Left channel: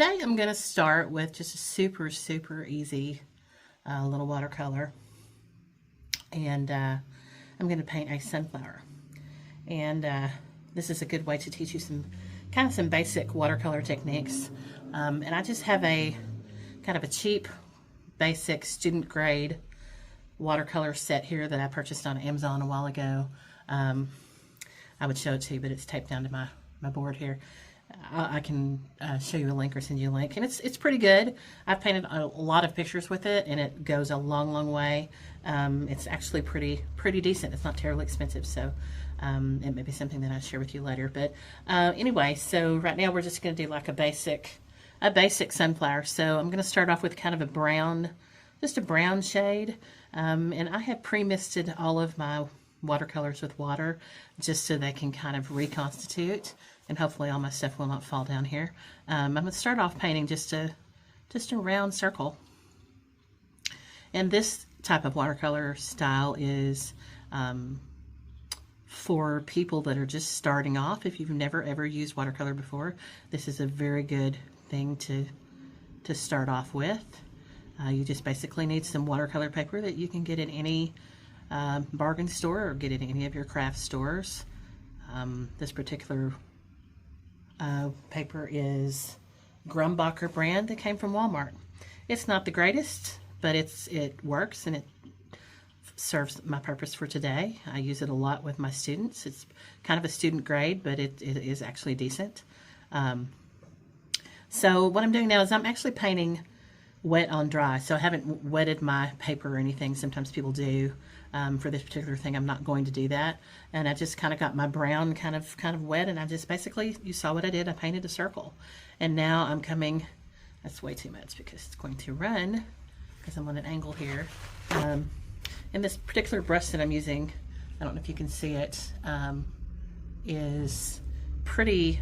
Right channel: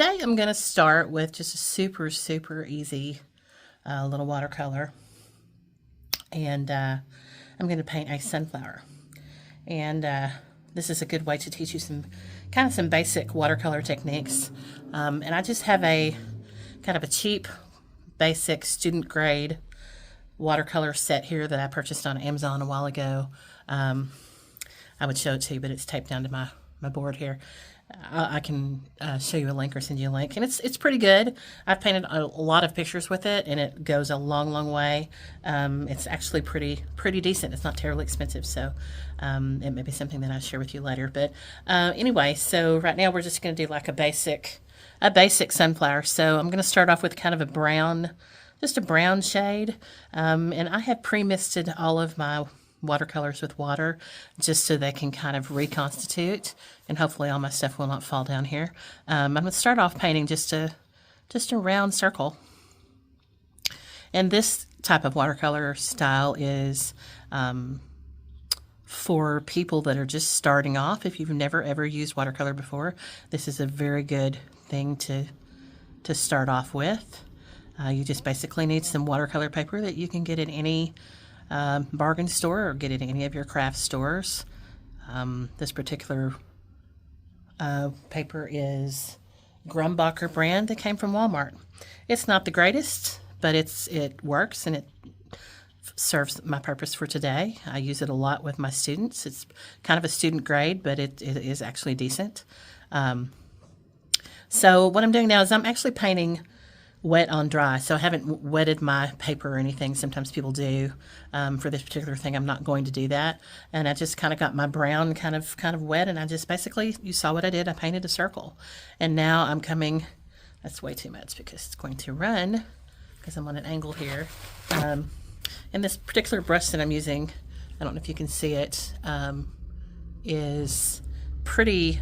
today I'm going to start with just a super easy little watercolor. And I'm going to paint a sunflower. And this is a good way to teach you some basic watercolor techniques. And I just have a kind of a cheap, basic student grade watercolor set here that I purchased on Amazon a while ago. I would show it to you, but it's taped down to my board here. I can show you a link or send you a link, and it's pretty good. I've painted a lot of pictures with it, and it goes a long way. It's actually pretty decent. It's not terribly expensive, so it may be something that I'll share with you later. But anyway, so right now we're just going to do like a basic sunflower. So I'm going to start off with kind of a brown, just a brown shade, and I have pre-misted all of my watercolors with water just so they can kind of reconstitute, and hopefully all my stuff will not fall down here. I'm going to start off painting just a round circle. And this type of watercolor style is for people that are just starting off. If you've never ever used watercolor before, this is a very good thing to start off with. You just basically need some watercolor paper that you can get at any bargain store or get it at any of your craft stores. This particular paper is Grumbacher brand that came from Walmart. It's not the greatest, but it works and it serves my purpose for today. I use it a lot with my students. It's kind of a student grade, but it is actually decent. So what I'm doing now is I'm actually painting wet on dry. So I haven't wetted my paper or anything. Sometimes people do. For this particular thing, I'm not going to do that. And I just kind of got my brown kind of wet, and I just basically, you saw what I did. I painted a circle. And now I'm coming, that's way too much because it's going to run because I'm on an angle here. And this particular brush that I'm using, I don't know if you can see it, is pretty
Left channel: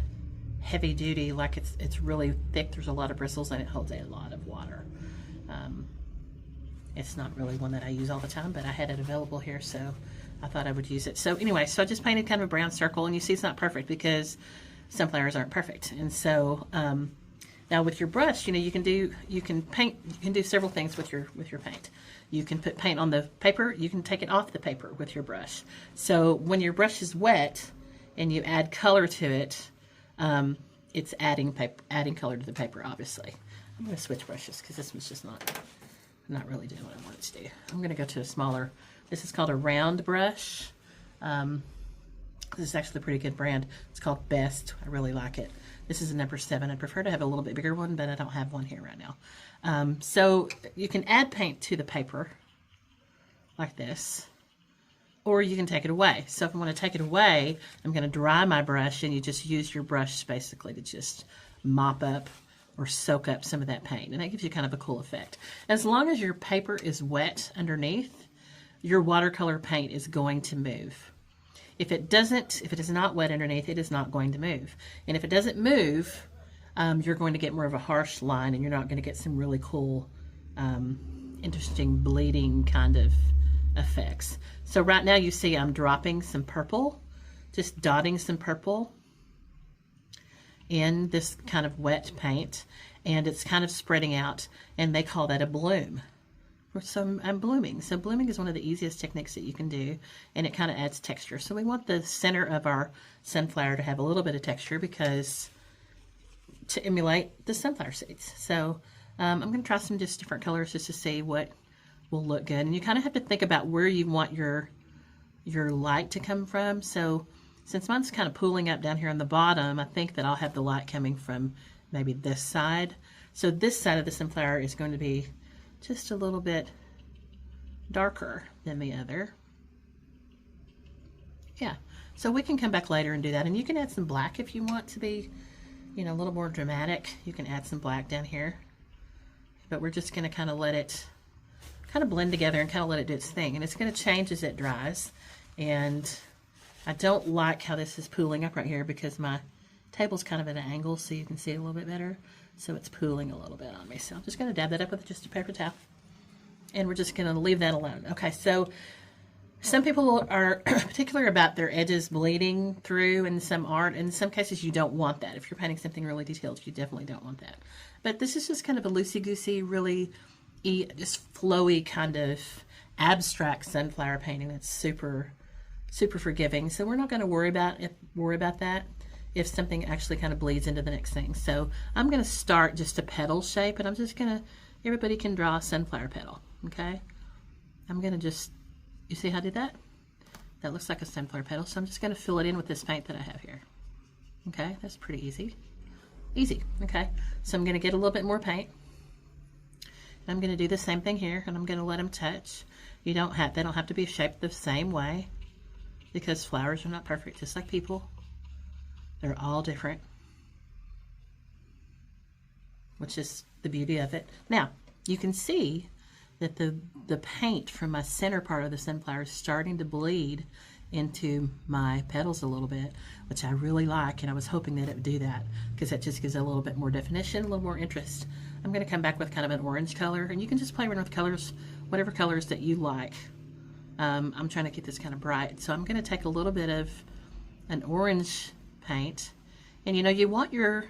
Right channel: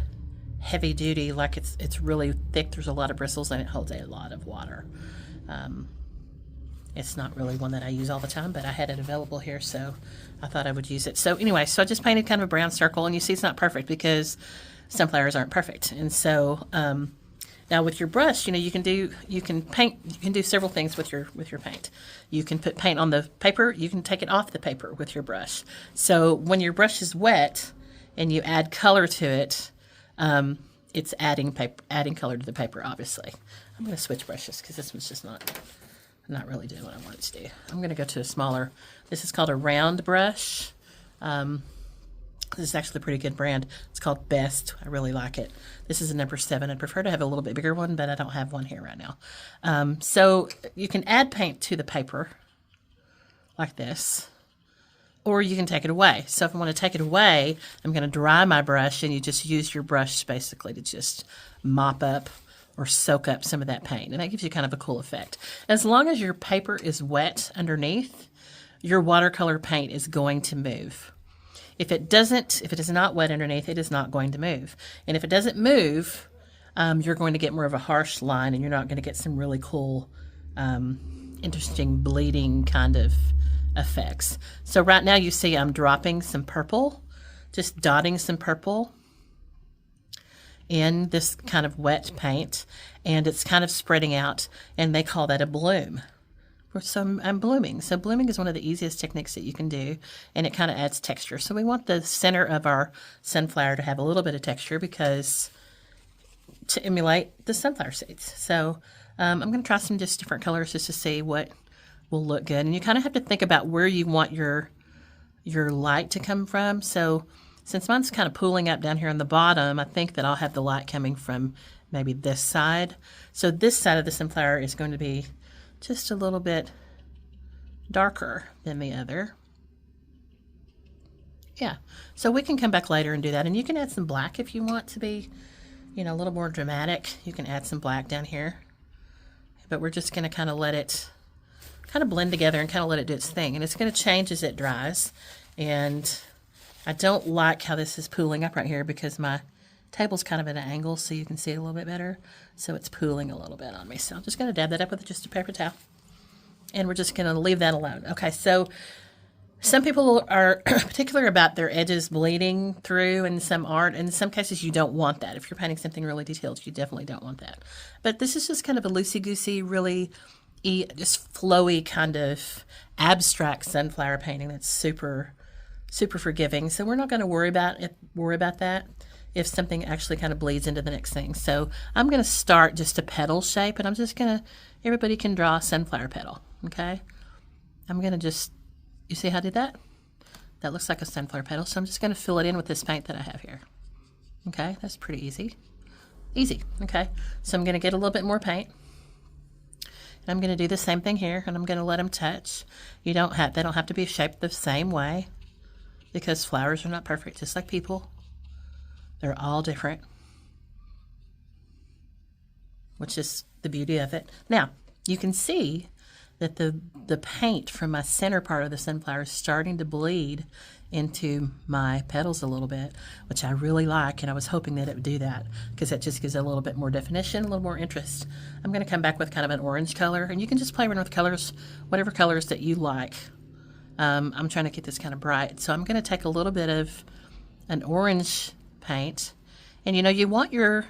heavy duty, like it's really thick. There's a lot of bristles and it holds a lot of water. It's not really one that I use all the time, but I had it available here, so I thought I would use it. So anyway, so I just painted kind of a brown circle, and you see it's not perfect because sunflowers aren't perfect. And so now with your brush, you can do several things with your paint. You can put paint on the paper. You can take it off the paper with your brush. So when your brush is wet and you add color to it, it's adding color to the paper, obviously. I'm going to switch brushes because this one's just not really doing what I want it to do. I'm going to go to a smaller, this is called a round brush. This is actually a pretty good brand. It's called Best. I really like it. This is a number 7. I'd prefer to have a little bit bigger one, but I don't have one here right now. So you can add paint to the paper like this, or you can take it away. So if I want to take it away, I'm going to dry my brush, and you just use your brush basically to just mop up or soak up some of that paint. And that gives you kind of a cool effect. As long as your paper is wet underneath, your watercolor paint is going to move. If it is not wet underneath, it is not going to move. And if it doesn't move, you're going to get more of a harsh line, and you're not going to get some really cool, interesting bleeding kind of effects. So right now you see I'm dropping some purple, just dotting some purple in this kind of wet paint, and it's kind of spreading out, and they call that a bloom. So I'm blooming. So blooming is one of the easiest techniques that you can do, and it kind of adds texture. So we want the center of our sunflower to have a little bit of texture because to emulate the sunflower seeds. So I'm going to try some just different colors just to see what will look good. And you kind of have to think about where you want your light to come from. So since mine's kind of pooling up down here on the bottom, I think that I'll have the light coming from maybe this side. So this side of the sunflower is going to be just a little bit darker than the other. Yeah, so we can come back later and do that. And you can add some black if you want to be, a little more dramatic. You can add some black down here. But we're just going to kind of let it kind of blend together and kind of let it do its thing. And it's going to change as it dries. And I don't like how this is pooling up right here because my table's kind of at an angle so you can see it a little bit better. So it's pooling a little bit on me. So I'm just going to dab that up with just a paper towel. And we're just going to leave that alone. Okay, so Some people are particular about their edges bleeding through, and some aren't. In some cases, you don't want that. If you're painting something really detailed, you definitely don't want that. But this is just kind of a loosey-goosey, really just flowy kind of abstract sunflower painting that's super, super forgiving. So we're not going to worry about that if something actually kind of bleeds into the next thing. So I'm going to start just a petal shape, and I'm just going to, everybody can draw a sunflower petal, okay? I'm going to just, you see how I did that? That looks like a sunflower petal, so I'm just going to fill it in with this paint that I have here. Okay, that's pretty easy. Easy, okay? So I'm going to get a little bit more paint. And I'm going to do the same thing here, and I'm going to let them touch. They don't have to be shaped the same way, because flowers are not perfect, just like people. They're all different, which is the beauty of it. Now, you can see that the paint from my center part of the sunflower is starting to bleed into my petals a little bit, which I really like, and I was hoping that it would do that because that just gives it a little bit more definition, a little more interest. I'm going to come back with kind of an orange color, and you can just play around with colors, whatever colors that you like. I'm trying to get this kind of bright, so I'm going to take a little bit of an orange paint, and you know, you want your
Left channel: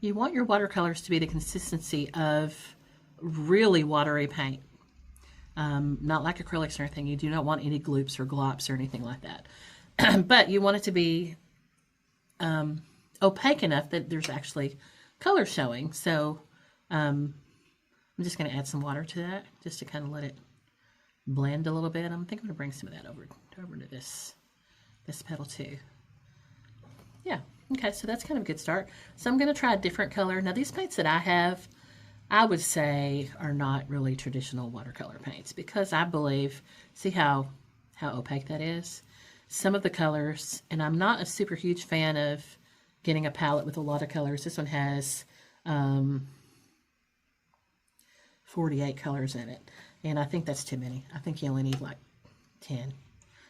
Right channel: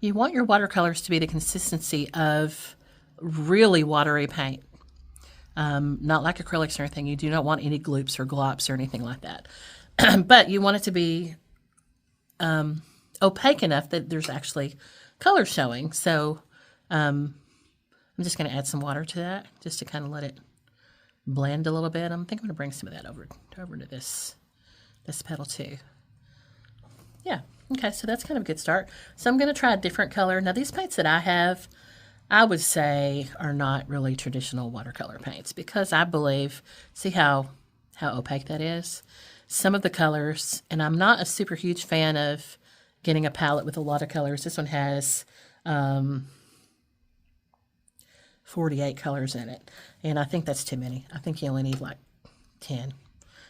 watercolors to be the consistency of really watery paint. Not like acrylics or anything. You do not want any gloops or glops or anything like that. But you want it to be opaque enough that there's actually color showing. So I'm just going to add some water to that just to kind of let it blend a little bit. I think I'm going to bring some of that over to this petal too. Yeah. Okay, so that's kind of a good start. So I'm going to try a different color. Now these paints that I have, I would say are not really traditional watercolor paints because I believe, see how opaque that is? Some of the colors, and I'm not a super huge fan of getting a palette with a lot of colors. This one has 48 colors in it, and I think that's too many. I think you only need like 10,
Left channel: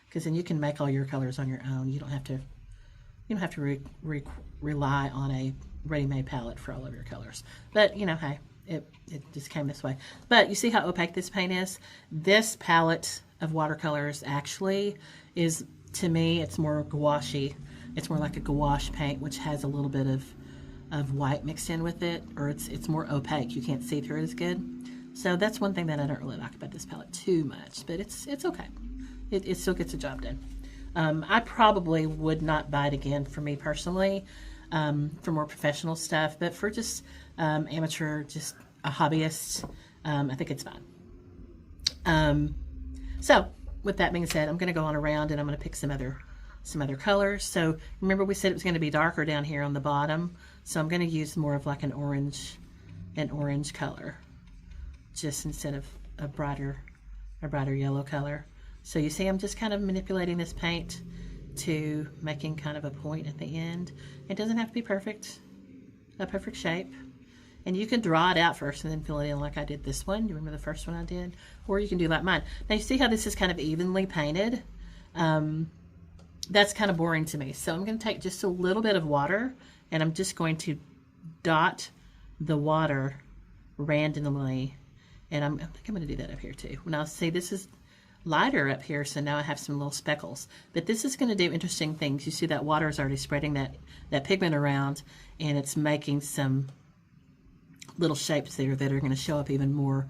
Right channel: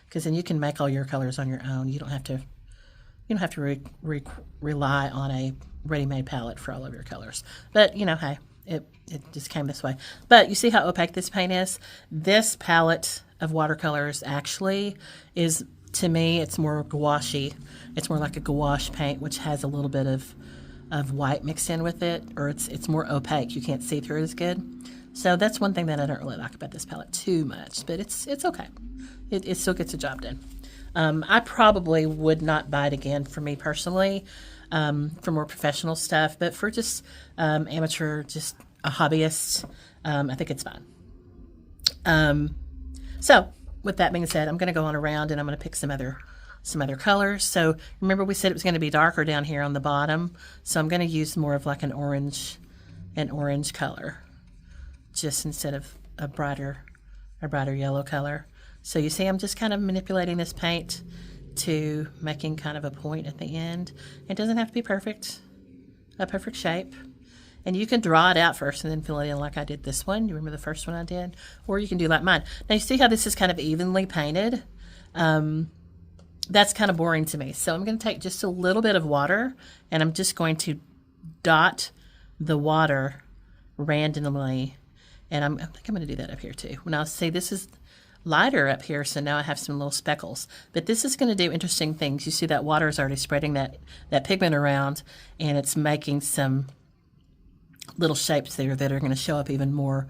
because then you can make all your colors on your own. You don't have to rely on a ready-made palette for all of your colors. But, you know, hey, it just came this way. But you see how opaque this paint is? This palette of watercolors actually is, to me, it's more gouache-y. It's more like a gouache paint, which has a little bit of white mixed in with it, or it's more opaque. You can't see through it as good. So that's one thing that I don't really like about this palette too much, but it's okay. It still gets the job done. I probably would not buy it again for me personally, for more professional stuff, but for just amateur, just a hobbyist, I think it's fine. So with that being said, I'm going to go on around and I'm going to pick some other colors. So remember we said it was going to be darker down here on the bottom, so I'm going to use more of like an orange color, just instead of a brighter yellow color. So you see I'm just kind of manipulating this paint to making kind of a point at the end. It doesn't have to be perfect, a perfect shape. And you can draw it out first and then fill it in like I did this one. You remember the first one I did? Or you can do like mine. Now you see how this is kind of evenly painted? That's kind of boring to me. So I'm going to take just a little bit of water and I'm just going to dot the water randomly. And I think I'm going to do that up here too. Now see, this is lighter up here, so now I have some little speckles. But this is going to do interesting things. You see that water is already spreading that pigment around, and it's making some little shapes there that are going to show up even more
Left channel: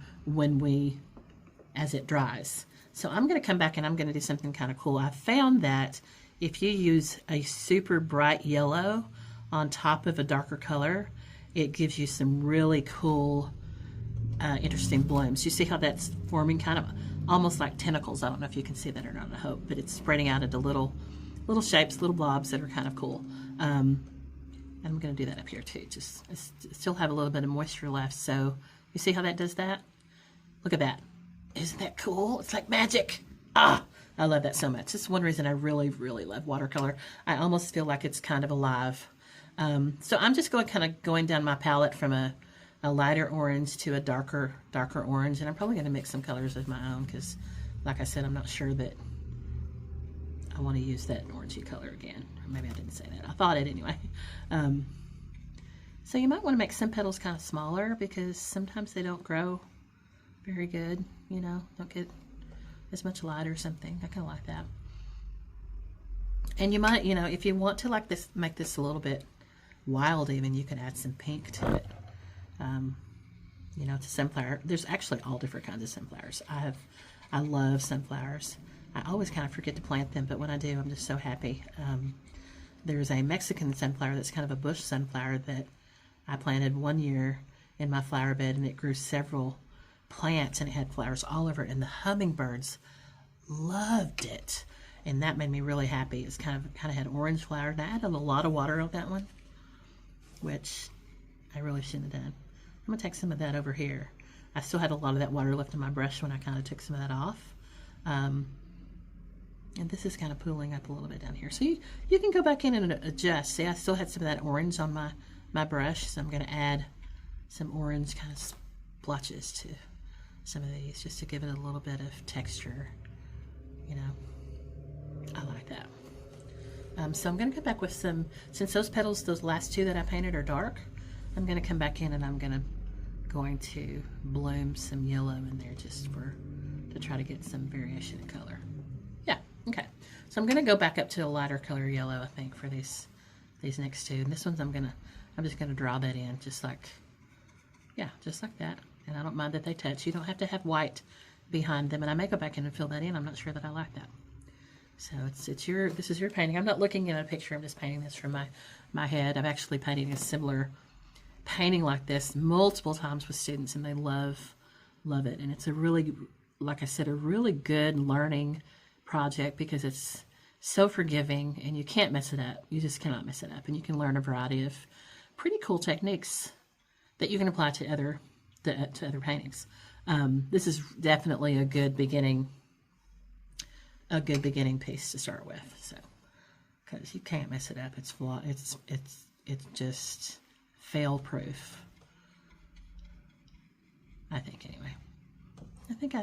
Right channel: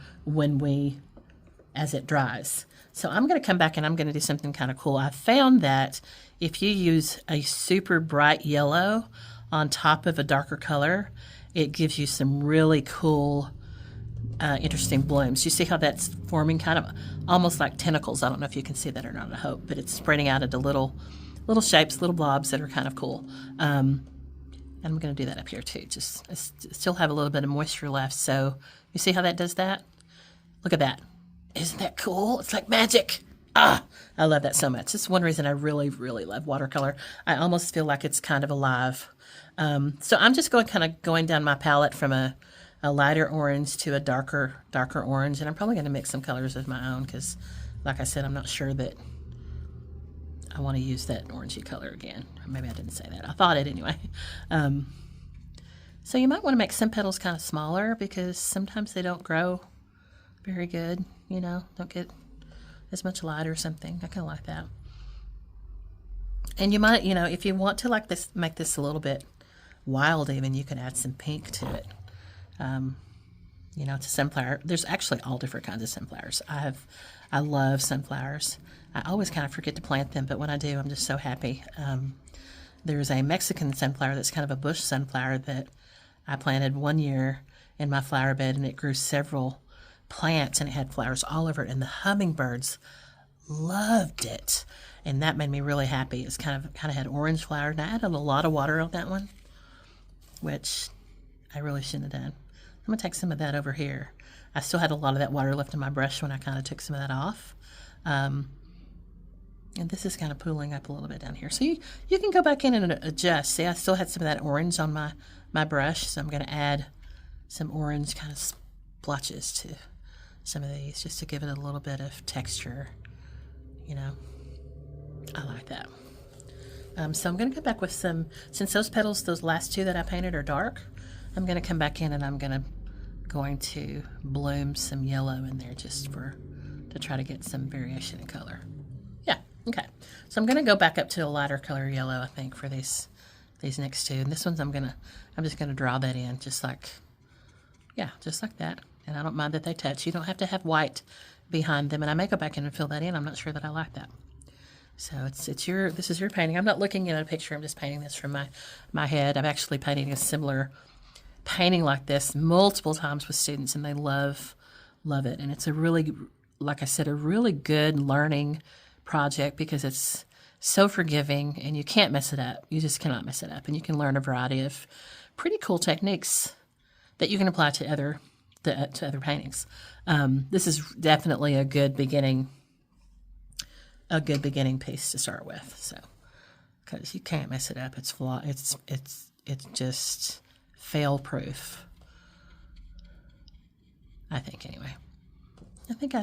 as it dries. So I'm going to come back and I'm going to do something kind of cool. I found that if you use a super bright yellow on top of a darker color, it gives you some really cool interesting blooms. You see how that's forming kind of almost like tentacles. I don't know if you can see that or not, I hope, but it's spreading out into little shapes, little blobs that are kind of cool. And I'm going to do that up here too. Just still have a little bit of moisture left. So you see how that does that? Look at that. Isn't that cool? It's like magic. I love that so much. It's one reason I really, really love watercolor. I almost feel like it's kind of alive. So I'm just going down my palette from a lighter orange to a darker orange, and I'm probably going to mix some colors of my own because, like I said, I'm not sure that I want to use that orangey color again. Or maybe I didn't say that. I thought it anyway. So you might want to make some petals kind of smaller because sometimes they don't grow very good, you know, don't get as much light or something. I kind of like that. And you might, if you want to like this, make this a little bit wild even, you can add some pink to it. To sunflower. There's actually all different kinds of sunflowers. I love sunflowers. I always kind of forget to plant them, but when I do, I'm just so happy. There's a Mexican sunflower that's kind of a bush sunflower that I planted one year in my flower bed, and it grew several plants, and it had flowers all over it, and the hummingbirds loved it, and that made me really happy. It's kind of had orange flowers, and I added a lot of water on that one, which I really shouldn't have done. I'm going to take some of that over here. I still had a lot of that water left in my brush when I kind of took some of that off. And this is kind of pooling up a little bit down here. So you can go back in and adjust. See, I still had some of that orange on my brush, so I'm going to add some orange kind of splotches to some of these just to give it a little bit of texture. I like that. So I'm going to go back with some, since those petals, those last two that I painted are dark, I'm going to come back in and I'm going to bloom some yellow in there just to try to get some variation in color. Yeah, okay. So I'm going to go back up to a lighter color yellow, I think, for these next two. And this one's I'm just going to draw that in just like that. And I don't mind that they touch. You don't have to have white behind them. And I may go back in and fill that in. I'm not sure that I like that. So this is your painting. I'm not looking at a picture. I'm just painting this from my head. I'm actually painting a similar painting like this multiple times with students, and they love it. And it's a really, like I said, a really good learning project because it's so forgiving and you can't mess it up. You just cannot mess it up. And you can learn a variety of pretty cool techniques that you can apply to other paintings. This is definitely a good beginning piece to start with. So, because you can't mess it up. It's flawed. It's just fail proof. I think anyway. I think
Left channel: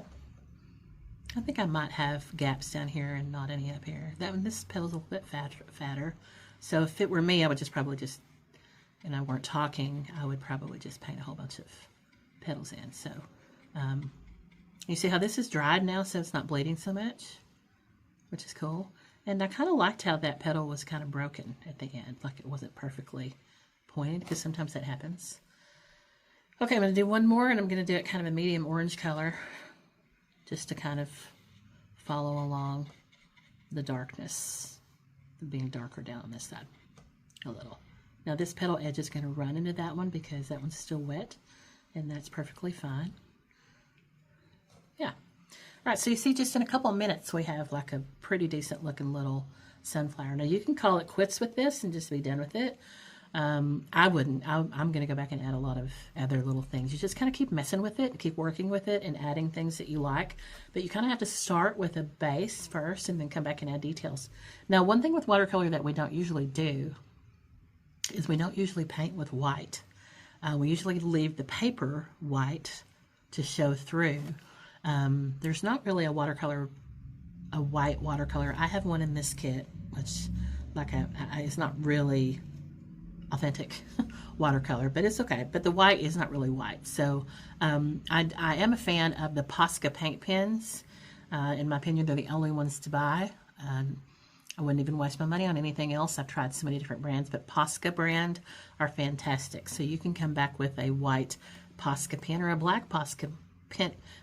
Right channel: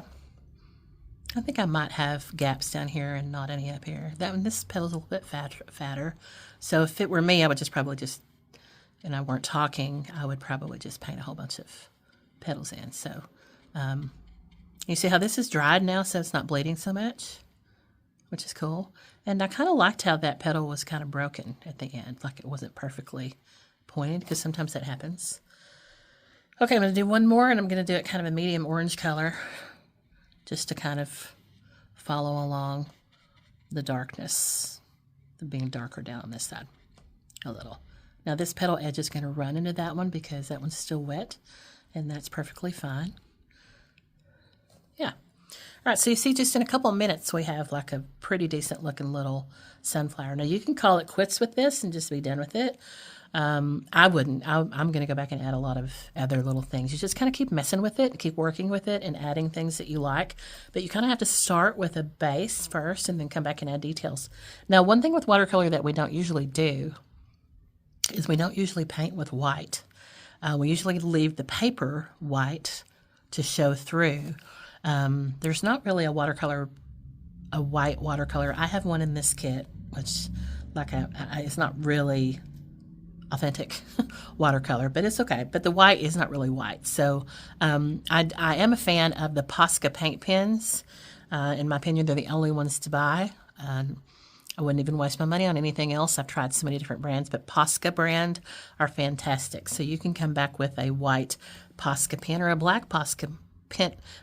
I might have gaps down here and not any up here. This petal's a little bit fatter. So if it were me, I would and I weren't talking, I would probably just paint a whole bunch of petals in. So you see how this is dried now, so it's not bleeding so much, which is cool. And I kind of liked how that petal was kind of broken at the end, like it wasn't perfectly pointed, because sometimes that happens. Okay, I'm going to do one more, and I'm going to do it kind of a medium orange color, just to kind of follow along the darkness, being darker down on this side a little. Now this petal edge is going to run into that one because that one's still wet, and that's perfectly fine. Yeah. All right, so you see just in a couple of minutes we have like a pretty decent looking little sunflower. Now you can call it quits with this and just be done with it. I wouldn't. I'm going to go back and add a lot of other little things. You just kind of keep messing with it, keep working with it, and adding things that you like. But you kind of have to start with a base first and then come back and add details. Now, one thing with watercolor that we don't usually do is we don't usually paint with white. We usually leave the paper white to show through. There's not really a white watercolor. I have one in this kit, which it's not really authentic watercolor, but it's okay. But the white is not really white. So I am a fan of the Posca paint pens. In my opinion, they're the only ones to buy. I wouldn't even waste my money on anything else. I've tried so many different brands, but Posca brand are fantastic. So you can come back with a white Posca pen or a black Posca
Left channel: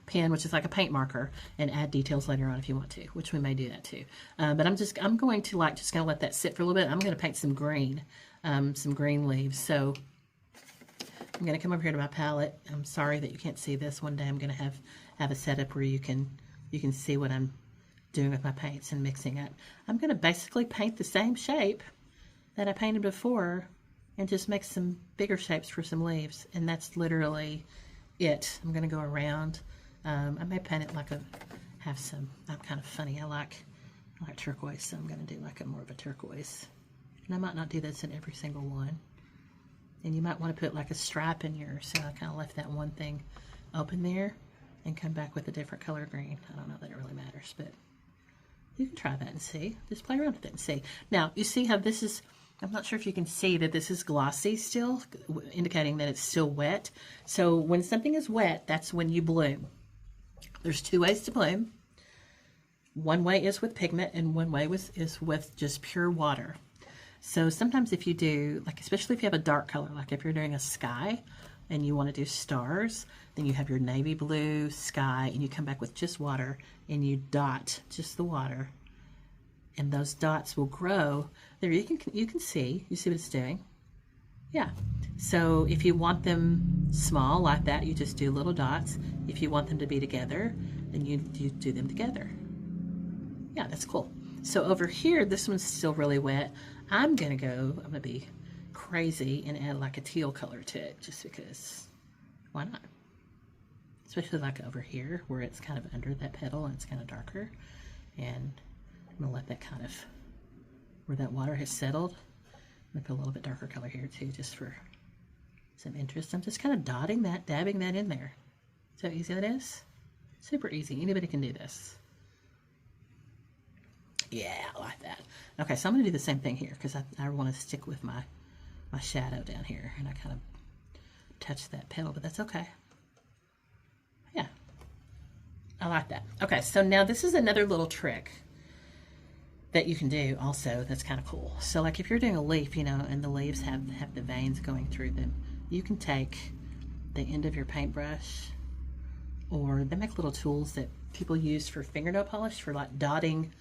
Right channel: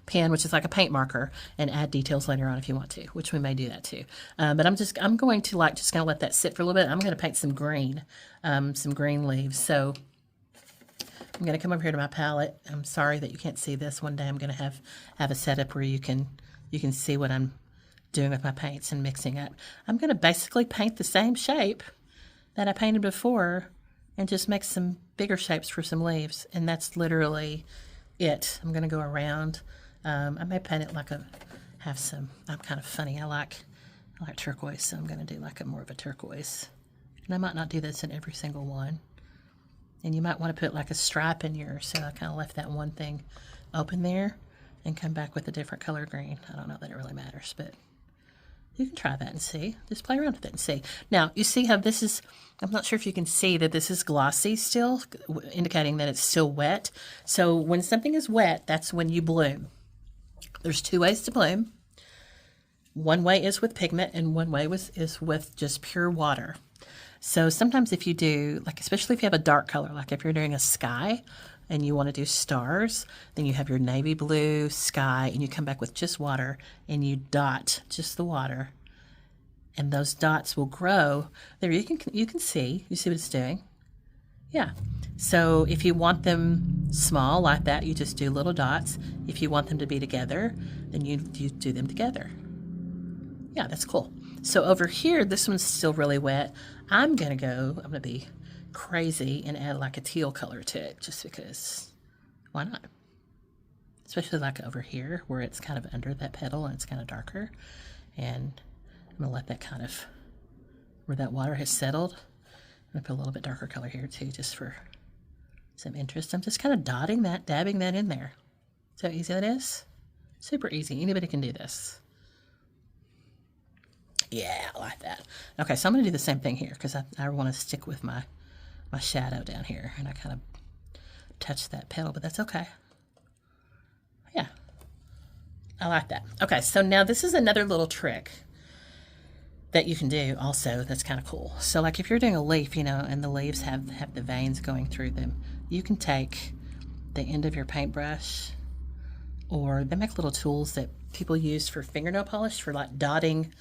pen, which is like a paint marker, and add details later on if you want to, which we may do that too. But I'm going to just kind of let that sit for a little bit. I'm going to paint some green leaves. So I'm going to come over here to my palette. I'm sorry that you can't see this. One day I'm going to have a setup where you can see what I'm doing with my paints and mixing up. I'm going to basically paint the same shape that I painted before and just make some bigger shapes for some leaves, and that's literally it. I'm going to go around. I may paint it like I'm kind of funny. I like turquoise, so I'm going to do like more of a turquoise. And I might not do this in every single one. And you might want to put like a stripe in yours, so I kind of left that one thing open there and come back with a different color green. I don't know that it really matters, but you can try that and see. Just play around with it and see. Now, you see how this is, I'm not sure if you can see that this is glossy still, indicating that it's still wet. So when something is wet, that's when you bloom. There's two ways to bloom. one way is with pigment and one way is with just pure water. So sometimes if you do, like especially if you have a dark color, like if you're doing a sky and you want to do stars, then you have your navy blue sky and you come back with just water and you dot just the water, and those dots will grow. There you can see, you see what it's doing? Yeah. So if you want them small like that, you just do little dots. If you want them to be together, then you do them together. Yeah, that's cool. So over here, this one's still really wet. I'm gonna be crazy and add like a teal color to it just because, why not? Especially like over here where it's kind of under that petal and it's kind of darker. And I'm gonna let that kind of, where that water has settled, I'm gonna put a little bit darker color here too, just for some interest. I'm just kind of dotting that, dabbing that in there. See how easy that is? Super easy, anybody can do this. Yeah, I like that. Okay, so I'm gonna do the same thing here because I wanna stick with my shadow down here, and I kind of touch that petal, but that's okay. Yeah, I like that. Okay, so now this is another little trick that you can do also that's kind of cool. So like if you're doing a leaf, you know, and the leaves have the veins going through them, you can take the end of your paintbrush, or they make little tools that people use for fingernail polish, for like dotting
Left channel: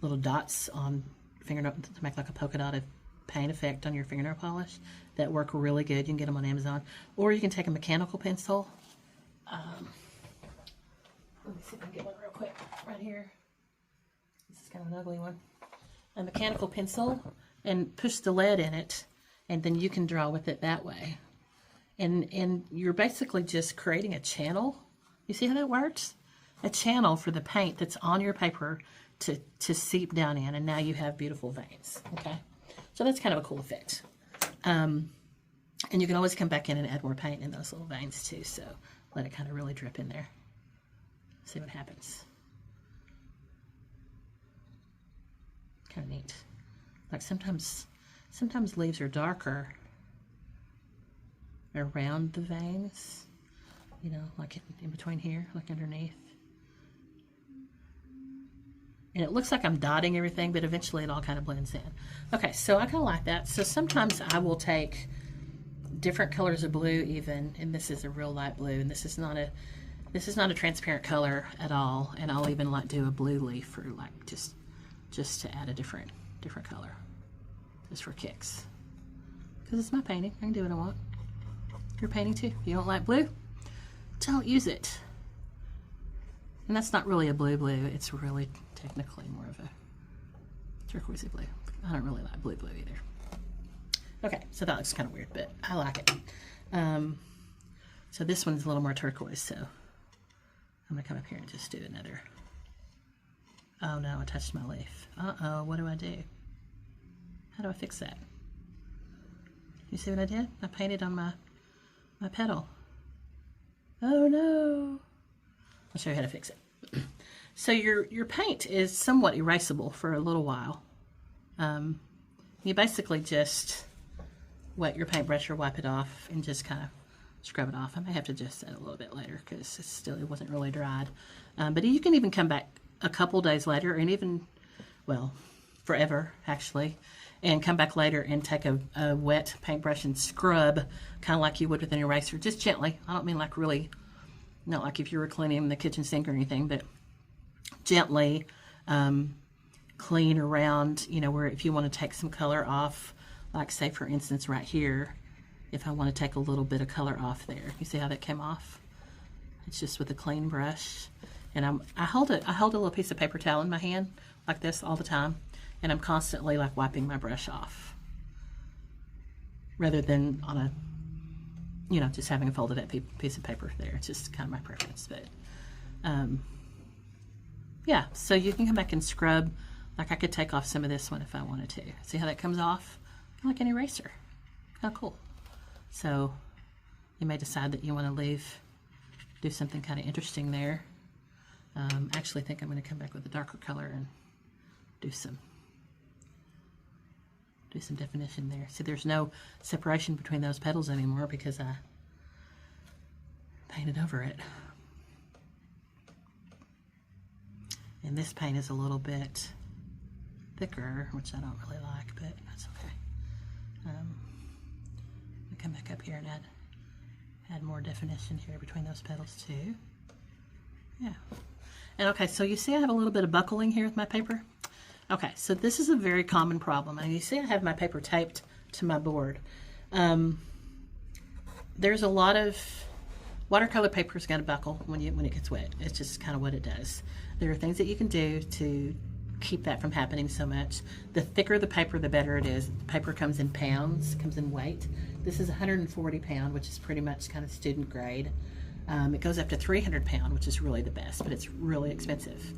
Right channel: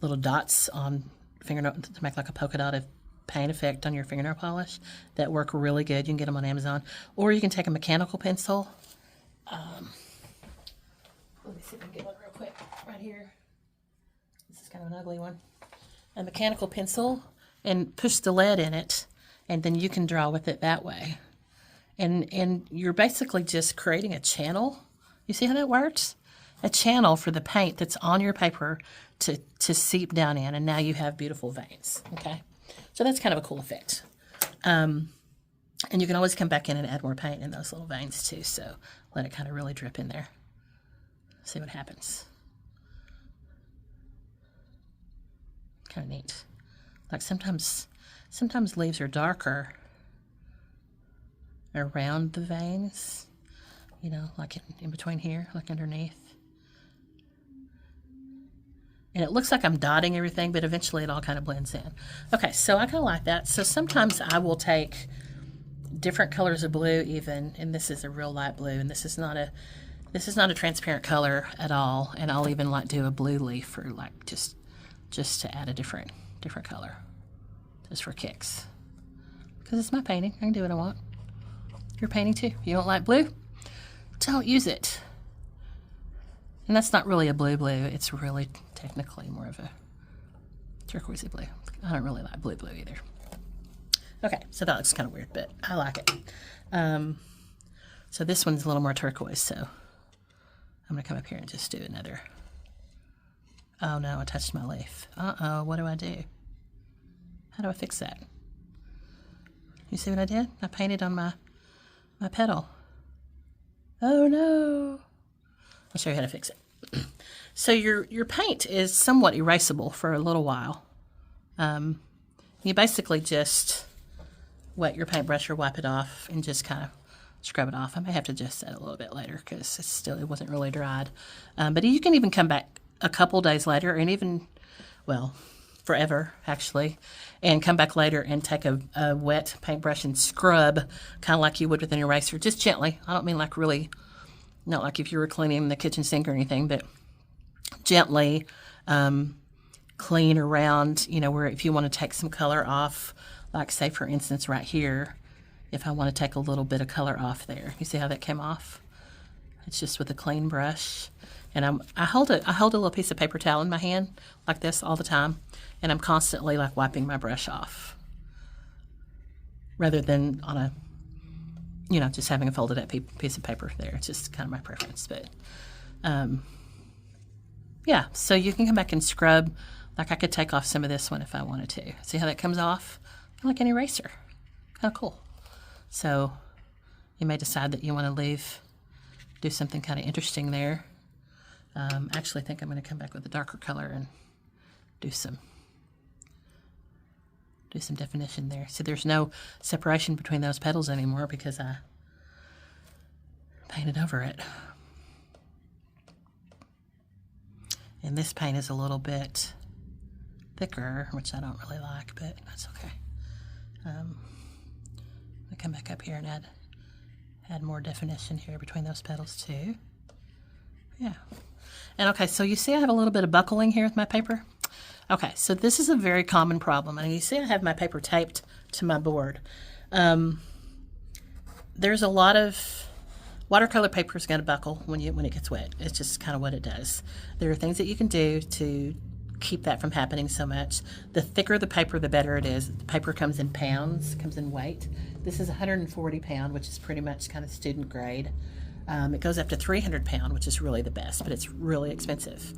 little dots on fingernail to make like a polka dotted paint effect on your fingernail polish that work really good. You can get them on Amazon, or you can take a mechanical pencil. Let me see if I can get one real quick right here. This is kind of an ugly one. A mechanical pencil, and push the lead in it, and then you can draw with it that way. And you're basically just creating a channel. You see how that works? A channel for the paint that's on your paper to seep down in, and now you have beautiful veins, okay? So that's kind of a cool effect. And you can always come back in and add more paint in those little veins too, so let it kind of really drip in there. See what happens. Kind of neat. Like sometimes leaves are darker around the veins, you know, like in between here, like underneath. And it looks like I'm dotting everything, but eventually it all kind of blends in. Okay, so I kind of like that. So sometimes I will take different colors of blue even, and this is a real light blue, and this is not a transparent color at all. And I'll even like do a blue leaf for like just to add a different color, just for kicks. Because it's my painting, I can do what I want. You're painting too. You don't like blue? Don't use it. And that's not really a blue, it's really technically more of a turquoisey blue. I don't really like blue either. Okay, so that looks kind of weird, but I like it. So this one's a little more turquoise, so I'm gonna come up here and just do another. Oh no, I touched my leaf. Uh-oh, what do I do? How do I fix that? You see what I did? I painted on my petal. Oh no. I'll show you how to fix it. So your paint is somewhat erasable for a little while. You basically just wet your paintbrush or wipe it off and just kind of scrub it off. I may have to adjust that a little bit later because it wasn't really dried. But you can even come back a couple days later, and even, well, forever actually, and come back later and take a wet paintbrush and scrub kind of like you would with an eraser, just gently. I don't mean like really, not like if you were cleaning the kitchen sink or anything, but gently clean around, you know, where if you want to take some color off, like say for instance right here, if I want to take a little bit of color off there. You see how that came off? It's just with a clean brush. And I hold a little piece of paper towel in my hand like this all the time, and I'm constantly like wiping my brush off rather than on a, you know, just having a folded up piece of paper there. It's just kind of my preference, but yeah, so you can come back and scrub. Like I could take off some of this one if I wanted to. See how that comes off? Kind of like an eraser. Kind of cool. So you may decide that you want to do something kind of interesting there. I actually think I'm going to come back with a darker color and do some definition there. See, there's no separation between those petals anymore because I painted over it. And this paint is a little bit thicker, which I don't really like, but that's okay. I come back up here and add more definition here between those petals too. Yeah. And okay, so you see I have a little bit of buckling here with my paper. Okay, so this is a very common problem. And you see I have my paper taped to my board. There's a lot of watercolor paper is going to buckle when it gets wet. It's just kind of what it does. There are things that you can do to keep that from happening so much. The thicker the paper, the better it is. The paper comes in pounds, comes in weight. This is 140 pound, which is pretty much kind of student grade. It goes up to 300 pound, which is really the best, but it's really expensive.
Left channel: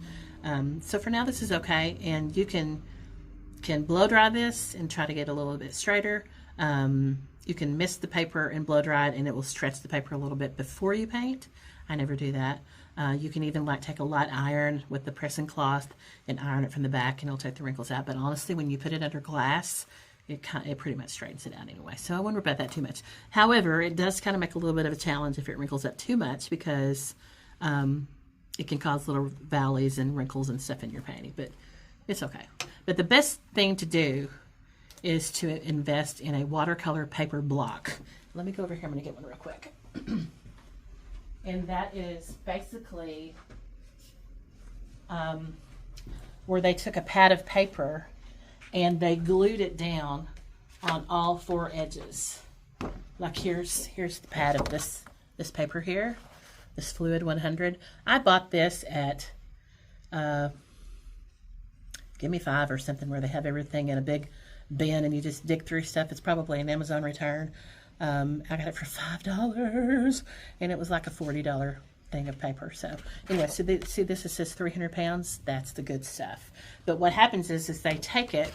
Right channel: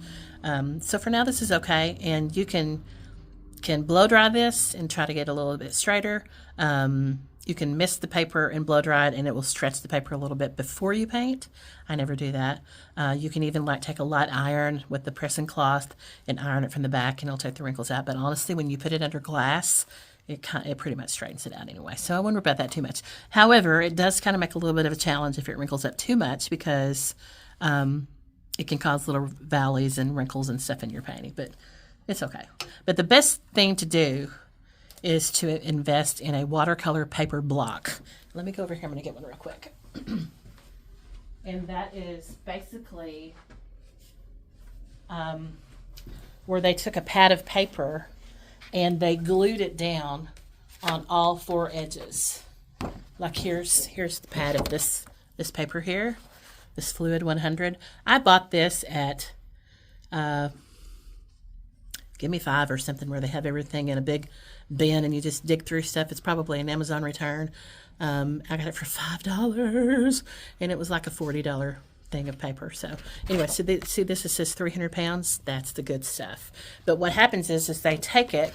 So for now, this is okay, and you can blow dry this and try to get a little bit straighter. You can mist the paper and blow dry it, and it will stretch the paper a little bit before you paint. I never do that. You can even take a light iron with the pressing cloth and iron it from the back, and it'll take the wrinkles out. But honestly, when you put it under glass, it pretty much straightens it out anyway. So I wouldn't worry about that too much. However, it does kind of make a little bit of a challenge if it wrinkles up too much, because it can cause little valleys and wrinkles and stuff in your painting. But it's okay. But the best thing to do is to invest in a watercolor paper block. Let me go over here. I'm going to get one real quick. And that is basically where they took a pad of paper and they glued it down on all four edges. Like here's the pad of this paper here, this Fluid 100. I bought this at Give Me Five or something, where they have everything in a big bin and you just dig through stuff. It's probably an Amazon return. I got it for $5 and it was like a $40 thing of paper. So anyway, so see this, it says 300 pounds. That's the good stuff. But what happens is they take it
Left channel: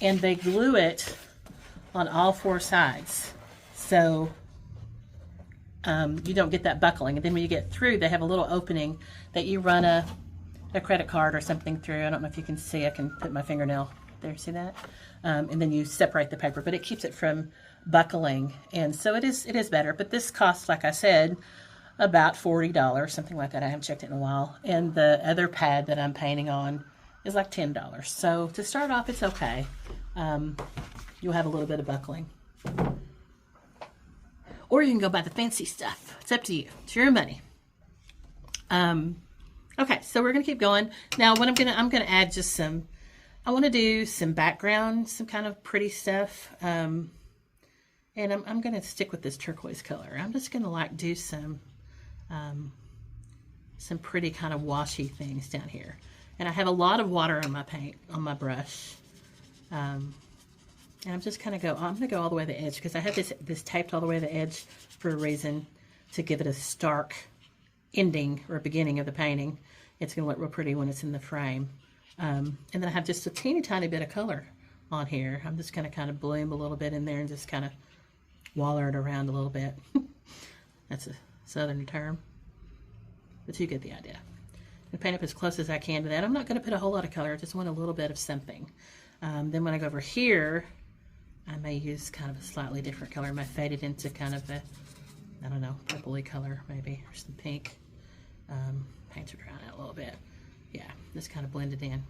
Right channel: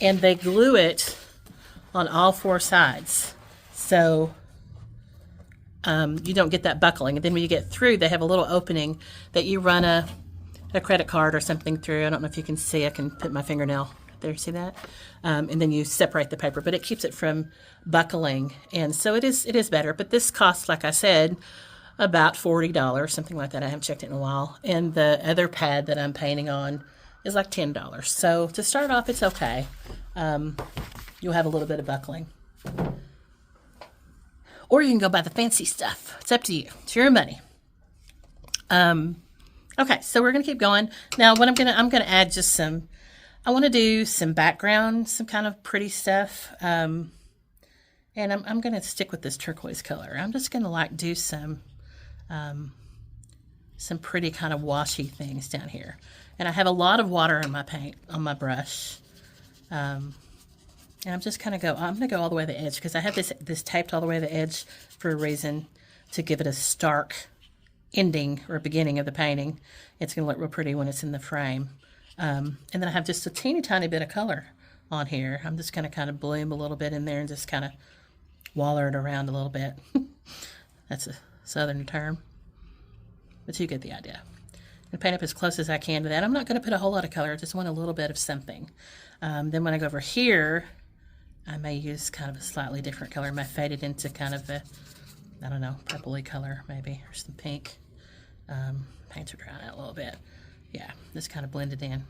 and they glue it on all four sides. So you don't get that buckling. And then when you get through, they have a little opening that you run a credit card or something through. I don't know if you can see. I can put my fingernail there. See that? And then you separate the paper, but it keeps it from buckling. And so it is better. But this costs, like I said, about $40, something like that. I haven't checked it in a while. And the other pad that I'm painting on is like $10. So to start off, it's okay. You'll have a little bit of buckling. Or you can go buy the fancy stuff. It's up to you. It's your money. Okay, so we're gonna keep going. Now what I'm gonna add just some, I wanna do some background, some kind of pretty stuff. And I'm gonna stick with this turquoise color. I'm just gonna do some pretty kind of washy things down here. And I have a lot of water in my paint, on my brush. And I'm just I'm gonna go all the way to the edge, because I have this taped all the way to the edge for a reason, to give it a stark ending or beginning of the painting. It's going to look real pretty when it's in the frame. And then I have just a teeny tiny bit of color on here. I'm just going to kind of bloom a little bit in there and just kind of waller it around a little bit. That's a southern term, but you get the idea. And paint up as close as I can to that. I'm not going to put a whole lot of color. I just want a little bit of something. Then when I go over here, I may use kind of a slightly different color. I may fade it into kind of a, I don't know, purpley color maybe, or some pink. Paints are drying out a little bit. Yeah, just kind of blend it in.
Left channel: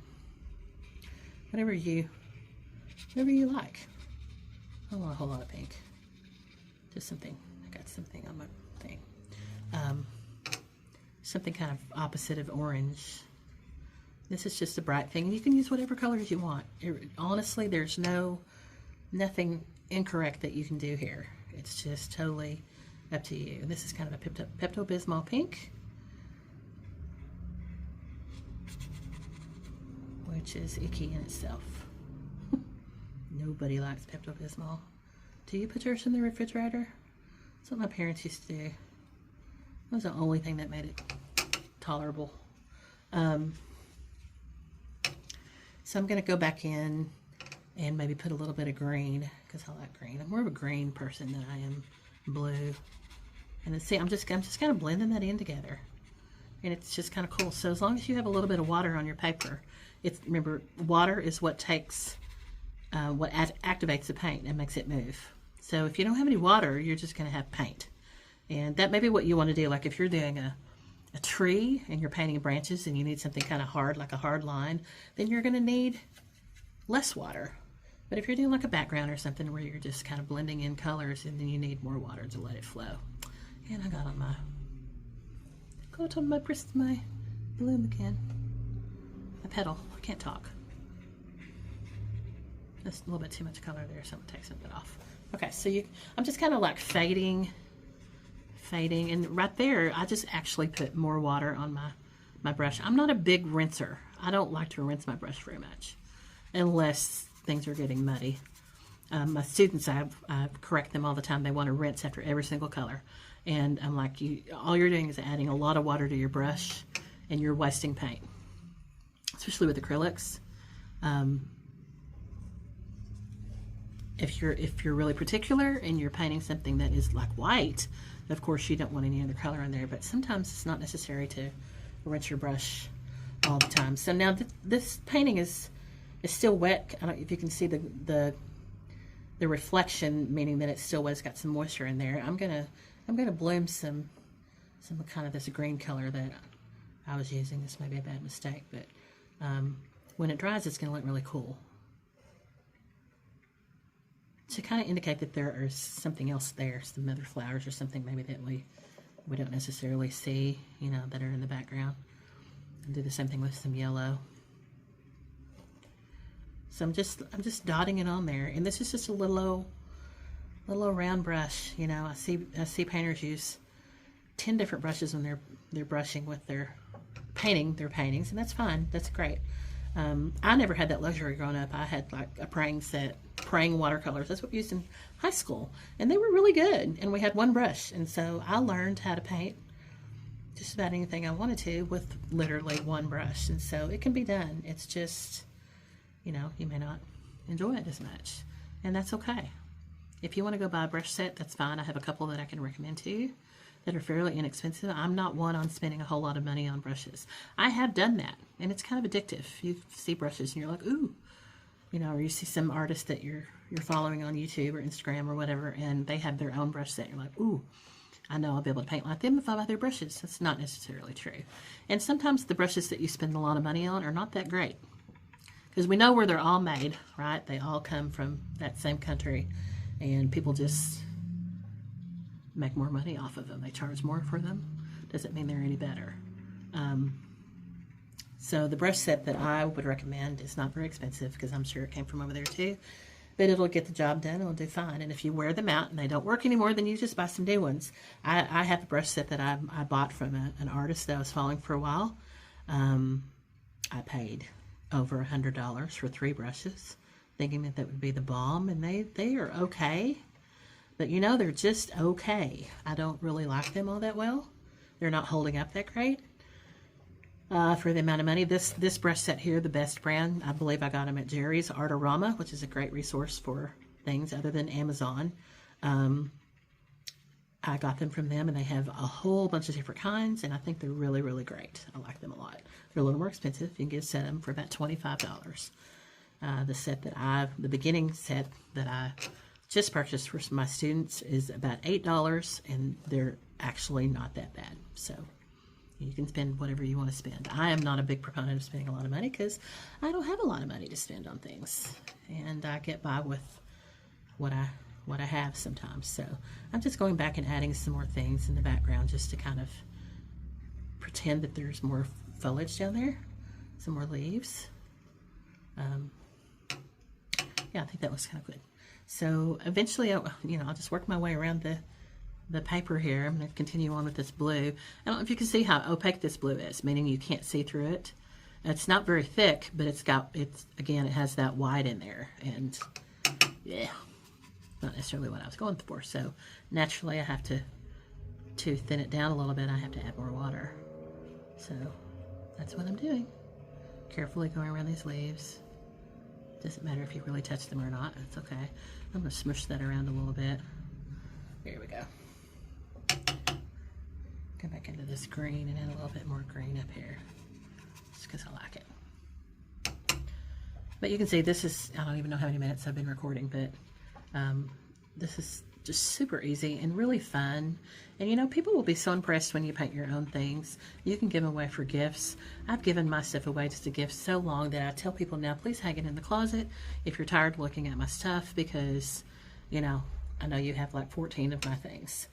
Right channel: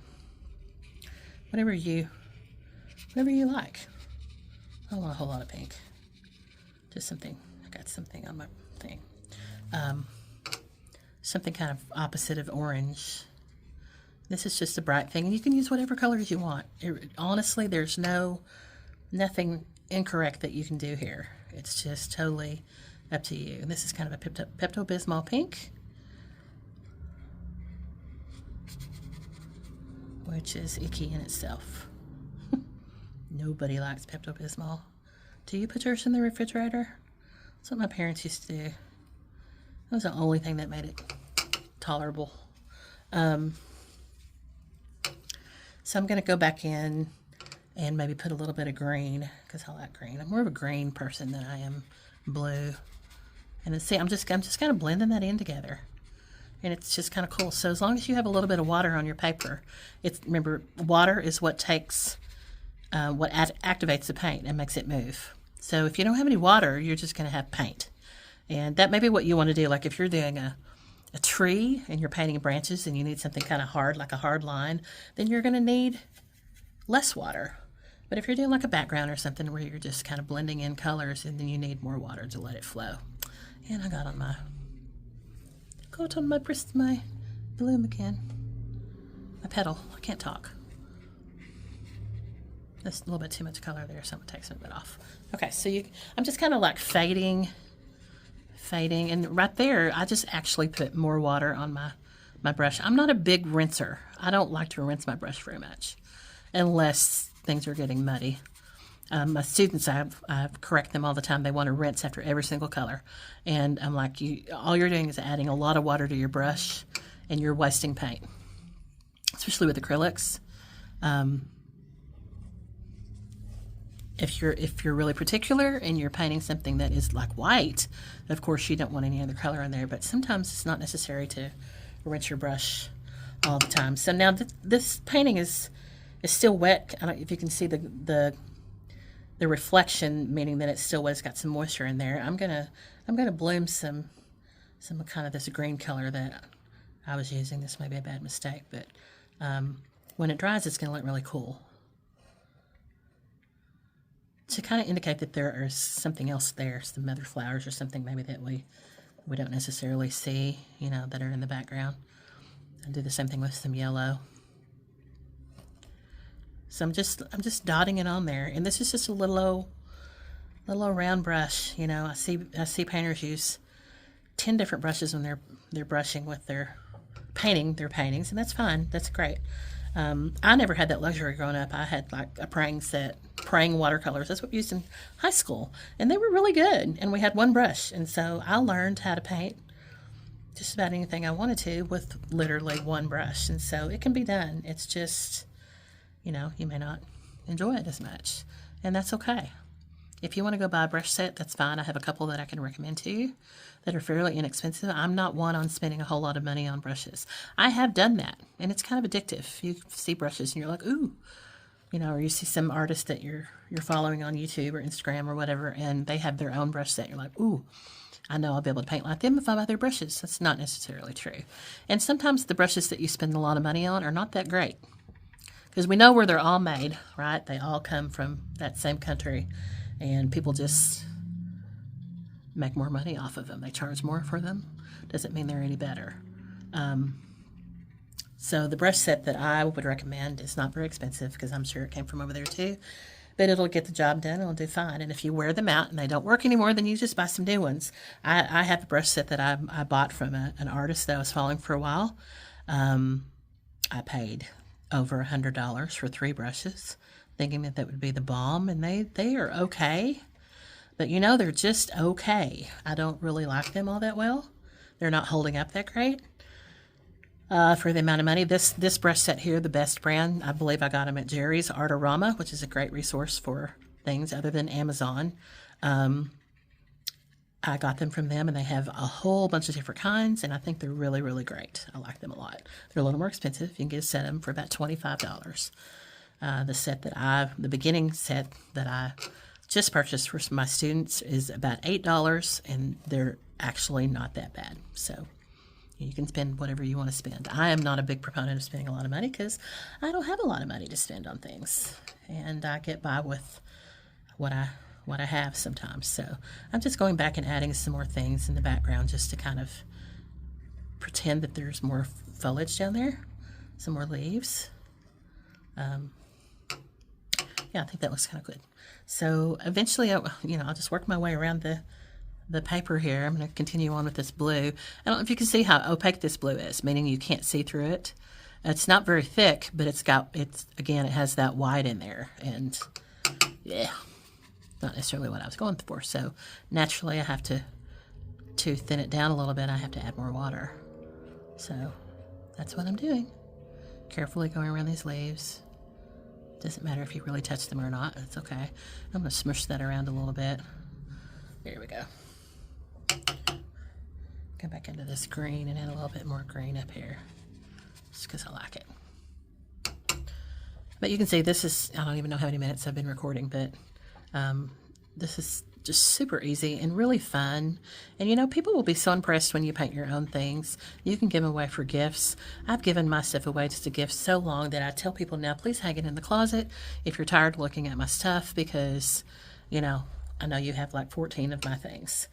Whatever you like. I don't want a whole lot of pink. Just something. I got something on my thing. Something kind of opposite of orange. This is just a bright thing. You can use whatever colors you want. Honestly, there's nothing incorrect that you can do here. It's just totally up to you. This is kind of a Pepto-Bismol pink, which is icky in itself. Nobody likes Pepto-Bismol. Do you put yours in the refrigerator? That's what my parents used to do. That was the only thing that made it tolerable. So I'm going to go back in and maybe put a little bit of green, because I like green. I'm more of a green person than I am blue. And then see, I'm just kind of blending that in together. And it's just kind of cool. So as long as you have a little bit of water on your paper, remember, water is what takes, what activates the paint and makes it move. So if you don't have any water, you're just going to have paint. And that may be what you want to do. Like if you're doing a a tree and you're painting branches and you need something kind of hard, like a hard line, then you're going to need less water. But if you're doing like a background or something where you're just kind of blending in colors, and then you need more water to let it flow. And I got on my my bloom again. My petal. I can't talk. That's a little bit too much color there, so I'm gonna take some of it off. Okay, so I'm just kind of like fading, and right there, I just actually put more water on my brush. I'm not a big rinser. I don't like to rinse my brush very much, unless things are getting muddy. My students, I correct them all the time. They want to rinse after every single color, and I'm like, all you're doing is adding a lot of water to your brush, and you're wasting paint, especially with acrylics. If you're really particular and you're painting something that is like white, of course you don't want any other color in there, but sometimes it's not necessary to rinse your brush all the time. So now this painting is still wet. I don't know if you can see the reflection, meaning that it's still wet. It's got some moisture in there. I'm gonna bloom some kind of this green color that I was using. This may be a bad mistake, but when it dries, it's gonna look really cool, to kind of indicate that there is something else there, some other flowers or something maybe that we don't necessarily see, you know, that are in the background. And do the same thing with some yellow. So I'm just dotting it on there, and this is just a little round brush. You know, I see painters use 10 different brushes when they're brushing with their paintings, and that's fine. That's great. I never had that luxury growing up. I had like a praying watercolors. That's what we used in high school, and they were really good. And we had one brush, and so I learned how to paint just about anything I wanted to with literally one brush. And so it can be done. It's just, you know, you may not enjoy it as much, and that's okay. If you want to go buy a brush set, that's fine. I have a couple that I can recommend to you that are fairly inexpensive. I'm not one on spending a whole lot of money on brushes. I have done that, and it's kind of addictive. You see brushes and you're like, ooh, you know, or you see some artist that you're following on YouTube or Instagram or whatever, and they have their own brush set. You're like, ooh, I know I'll be able to paint like them if I buy their brushes. That's not necessarily true. And sometimes the brushes that you spend a lot of money on are not that great, because we know where they're all made, right? They all come from that same country, and people just make more money off of them. They charge more for them. Doesn't mean they're any better. So the brush set that I would recommend is not very expensive, because I'm sure it came from over there too, but it'll get the job done. It'll do fine. And if you wear them out and they don't work anymore, then you just buy some new ones. I have a brush set that I bought from an artist that I was following for a while. I paid over $100 for 3 brushes, thinking that would be the bomb, and they are okay. But you know, they're just okay. I don't really like them all that well. They're not holding up that great for the amount of money. This brush set here, the best brand, I believe I got them at Jerry's Artorama, which is a great resource for things other than Amazon. I got them from them, and they have a whole bunch of different kinds, and I think they're really, really great. I like them a lot. They're a little more expensive. You can get a set of them for about $25. The beginning set that I just purchased for my students is about $8, and they're actually not that bad. So you can spend whatever you want to spend. I am not a big proponent of spending a lot of money, because I don't have a lot of money to spend on things, and I get by with what I have sometimes. So I'm just going back and adding some more things in the background, just to kind of pretend that there's more foliage down there, some more leaves. Yeah, I think that looks kind of good. So eventually, I'll just work my way around the paper here. I'm going to continue on with this blue. I don't know if you can see how opaque this blue is, meaning you can't see through it. It's not very thick, but it has that white in there, and yeah, not necessarily what I was going for. So naturally, I have to thin it down a little bit. I have to add more water. So that's what I'm doing. Carefully going around these leaves. Doesn't matter if you really touch them or not. It's okay. I'm going to smush that around a little bit. There we go. Come back into this green and add a little bit more green up here, just because I like it. But you can see this is, I don't even know how many minutes I've been recording, but this is just super easy and really fun. And you know, people will be so impressed when you paint your own things. You can give them away for gifts. I've given my stuff away just a gift so long that I tell people now, please hang it in the closet if you're tired of looking at my stuff, because, you know you have like 14 of my things.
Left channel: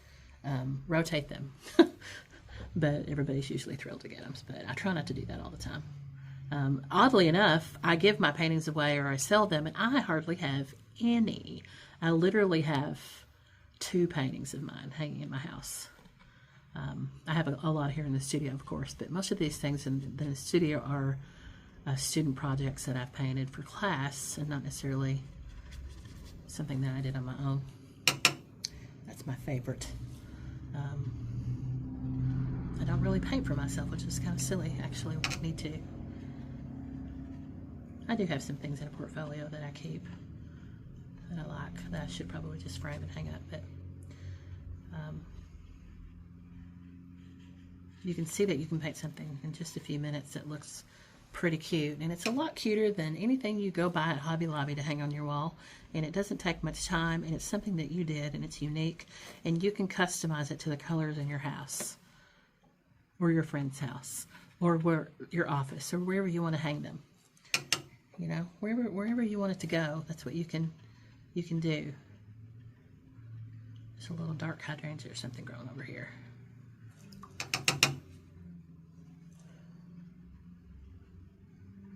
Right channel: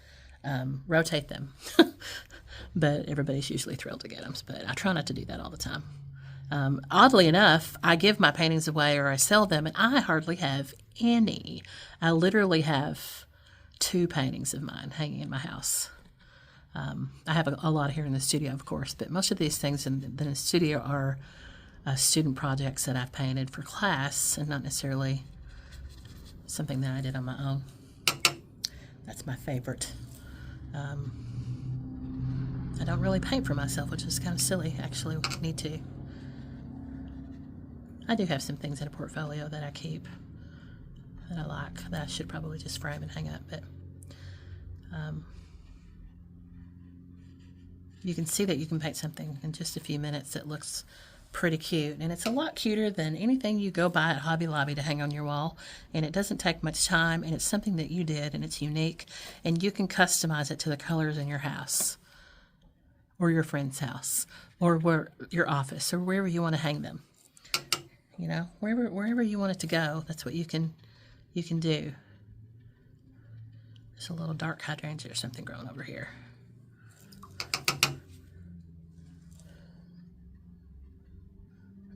Rotate them. But everybody's usually thrilled to get them. But I try not to do that all the time. Oddly enough, I give my paintings away or I sell them, and I hardly have any. I literally have 2 paintings of mine hanging in my house. I have a lot here in the studio, of course, but most of these things in the studio are student projects that I've painted for class and not necessarily something that I did on my own. That's my favorite. I don't really paint for myself, which is kind of silly, actually. I need to. I do have some things in a portfolio that I keep that I like, that I should probably just frame and hang up, but you can see that you can paint something in just a few minutes that looks pretty cute, and it's a lot cuter than anything you go buy at Hobby Lobby to hang on your wall, and it doesn't take much time, and it's something that you did, and it's unique, and you can customize it to the colors in your house or your friend's house or your office or wherever you want to hang them. You know, wherever you want it to go, that's what you can do. There's a little dark hydrangea or something growing over here.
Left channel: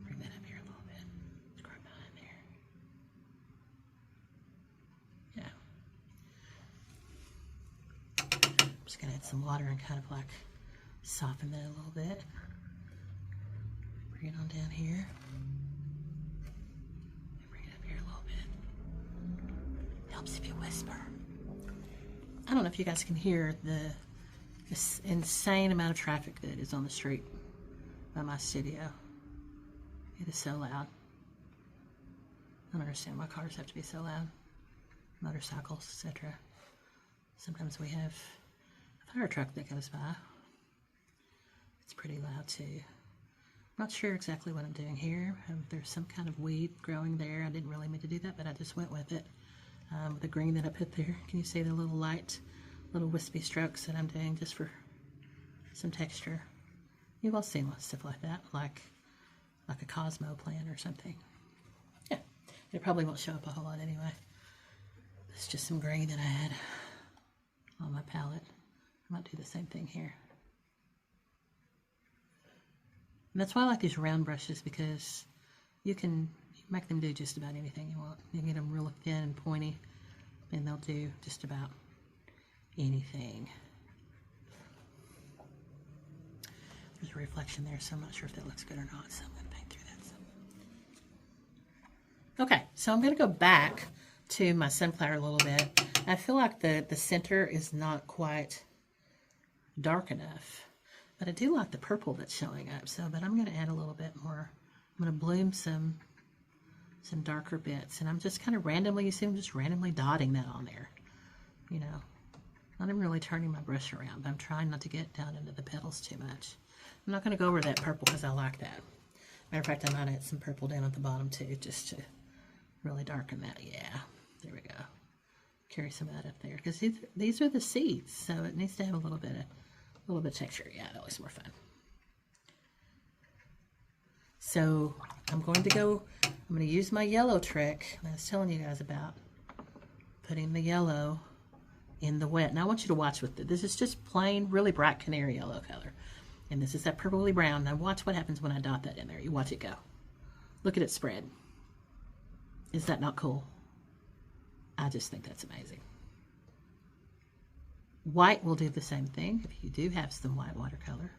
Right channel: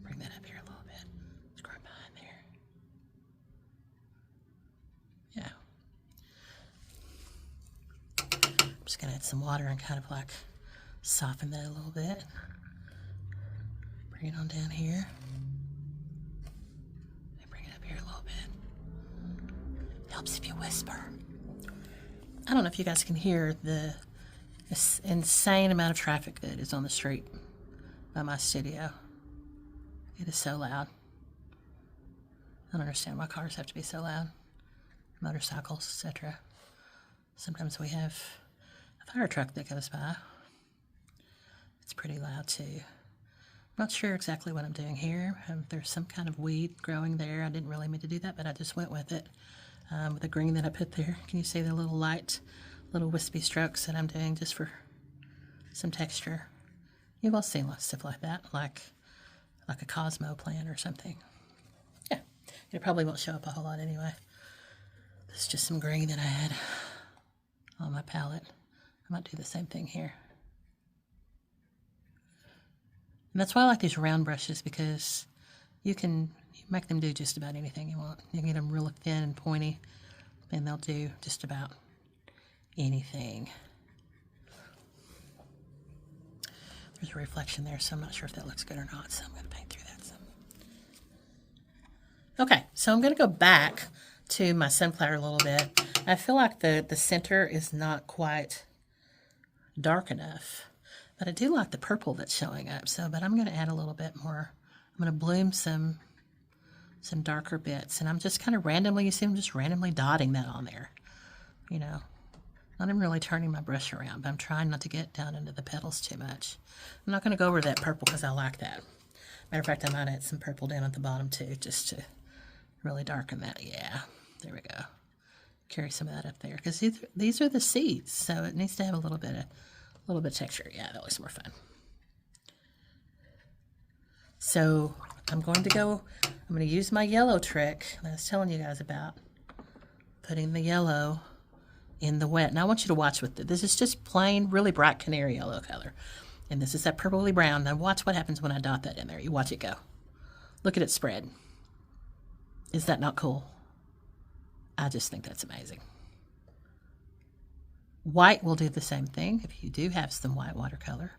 Bring that up here a little bit. It's growing behind there. Yeah. I'm just gonna add some water and kind of like soften that a little bit. Bring it on down here. Helps if you whisper. I don't know if you guys can hear this insane amount of traffic that is on the street by my studio. It is so loud. I don't understand why cars have to be so loud. Motorcycles, etc. Sometimes we have a fire truck that goes by. It's pretty loud too. I'm not sure exactly what I'm doing here. There's some kind of weed growing there. I didn't really mean to do that, but I just went with it. With the green that I put there. Can you see the little light, little wispy strokes that I'm doing just for some texture? You've all seen lots of stuff like that, like a Cosmo plant or something. Yeah, it probably won't show up a whole lot anyway. It's just some green that I had on my palette. I might do the same thing here. And that's why I like these round brushes, because you can make them do just about anything you want. You can get them really thin and pointy, and they'll do just about anything. There's a reflection there, so I'm not sure if that looks good or not, so I'm going to paint through that some. Okay, so I'm going to go back to my sunflower a little bit. I feel like the center is not quite dark enough, but I do like the purple that's showing up, but I'm going to add a little bit more. I'm going to bloom some darker bits, and I'm just kind of randomly, you see I'm just randomly dotting that on there, you know, not even really turning my brush around, but I'm trying not to get down into the petals too much. I'm not going to go over that purple because I like that. Matter of fact, I might add some purple down at the bottom too, just to really darken that. Yeah, there we go. Carry some of that up there, because these are the seeds, so it needs to have a little bit of texture. Yeah, that looks more fun. So I'm going to use my yellow trick that I was telling you guys about, putting the yellow in the wet. Now I want you to watch with it. This is just plain, really bright canary yellow color. And this is that purpley brown. Now watch what happens when I dot that in there. You watch it go. Look at it spread. Is that not cool? I just think that's amazing. White will do the same thing if you do have some white watercolor.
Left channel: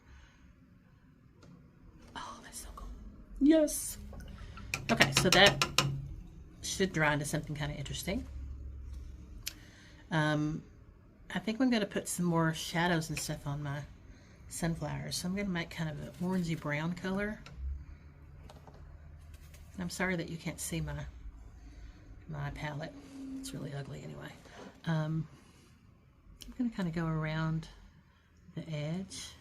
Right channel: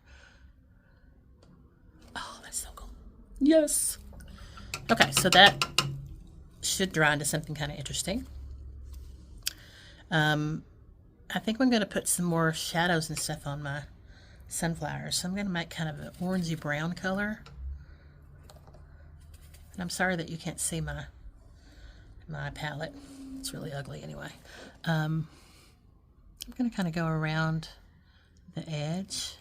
Oh, that's so cool. Yes. Okay, so that should dry into something kind of interesting. I think I'm going to put some more shadows and stuff on my sunflowers. So I'm going to make kind of an orangey brown color. And I'm sorry that you can't see my palette. It's really ugly anyway. I'm going to kind of go around the edge.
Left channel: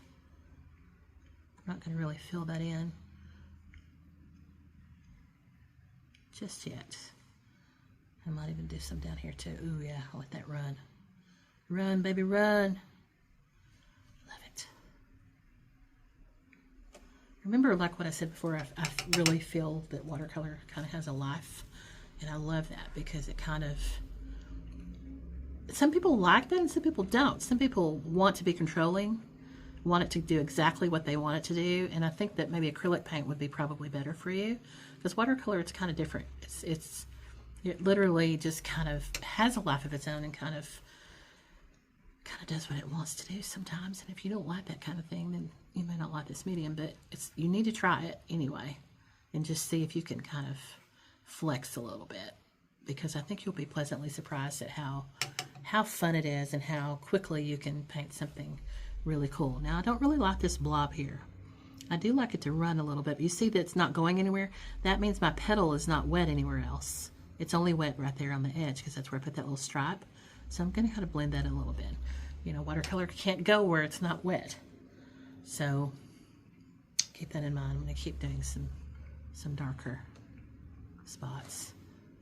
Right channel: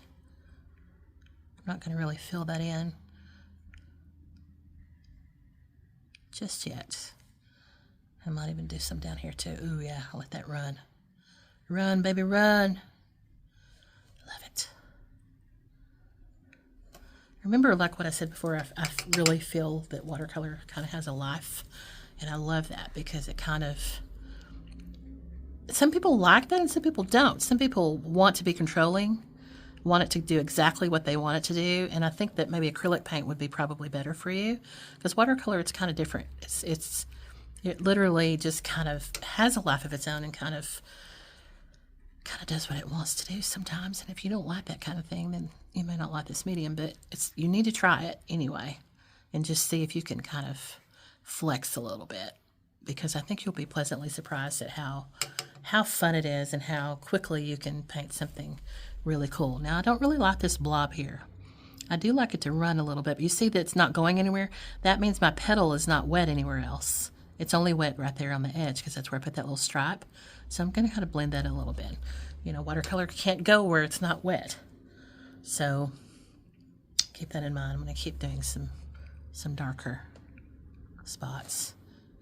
I'm not going to really fill that in just yet. I might even do some down here too. Ooh, yeah, I'll let that run. Run, baby, run. Love it. Remember, like what I said before, I really feel that watercolor kind of has a life. And I love that because it kind of, some people like that and some people don't. Some people want to be controlling, want it to do exactly what they want it to do. And I think that maybe acrylic paint would be probably better for you because watercolor, it's kind of different. It literally just kind of has a life of its own and kind of does what it wants to do sometimes. And if you don't like that kind of thing, then you may not like this medium, but you need to try it anyway and just see if you can kind of flex a little bit, because I think you'll be pleasantly surprised at how fun it is and how quickly you can paint something really cool. Now, I don't really like this blob here. I do like it to run a little bit, but you see that it's not going anywhere? That means my petal is not wet anywhere else. It's only wet right there on the edge because that's where I put that little stripe. So I'm going to kind of blend that a little bit. You know, watercolor can't go where it's not wet. So keep that in mind. I'm going to keep doing some darker spots.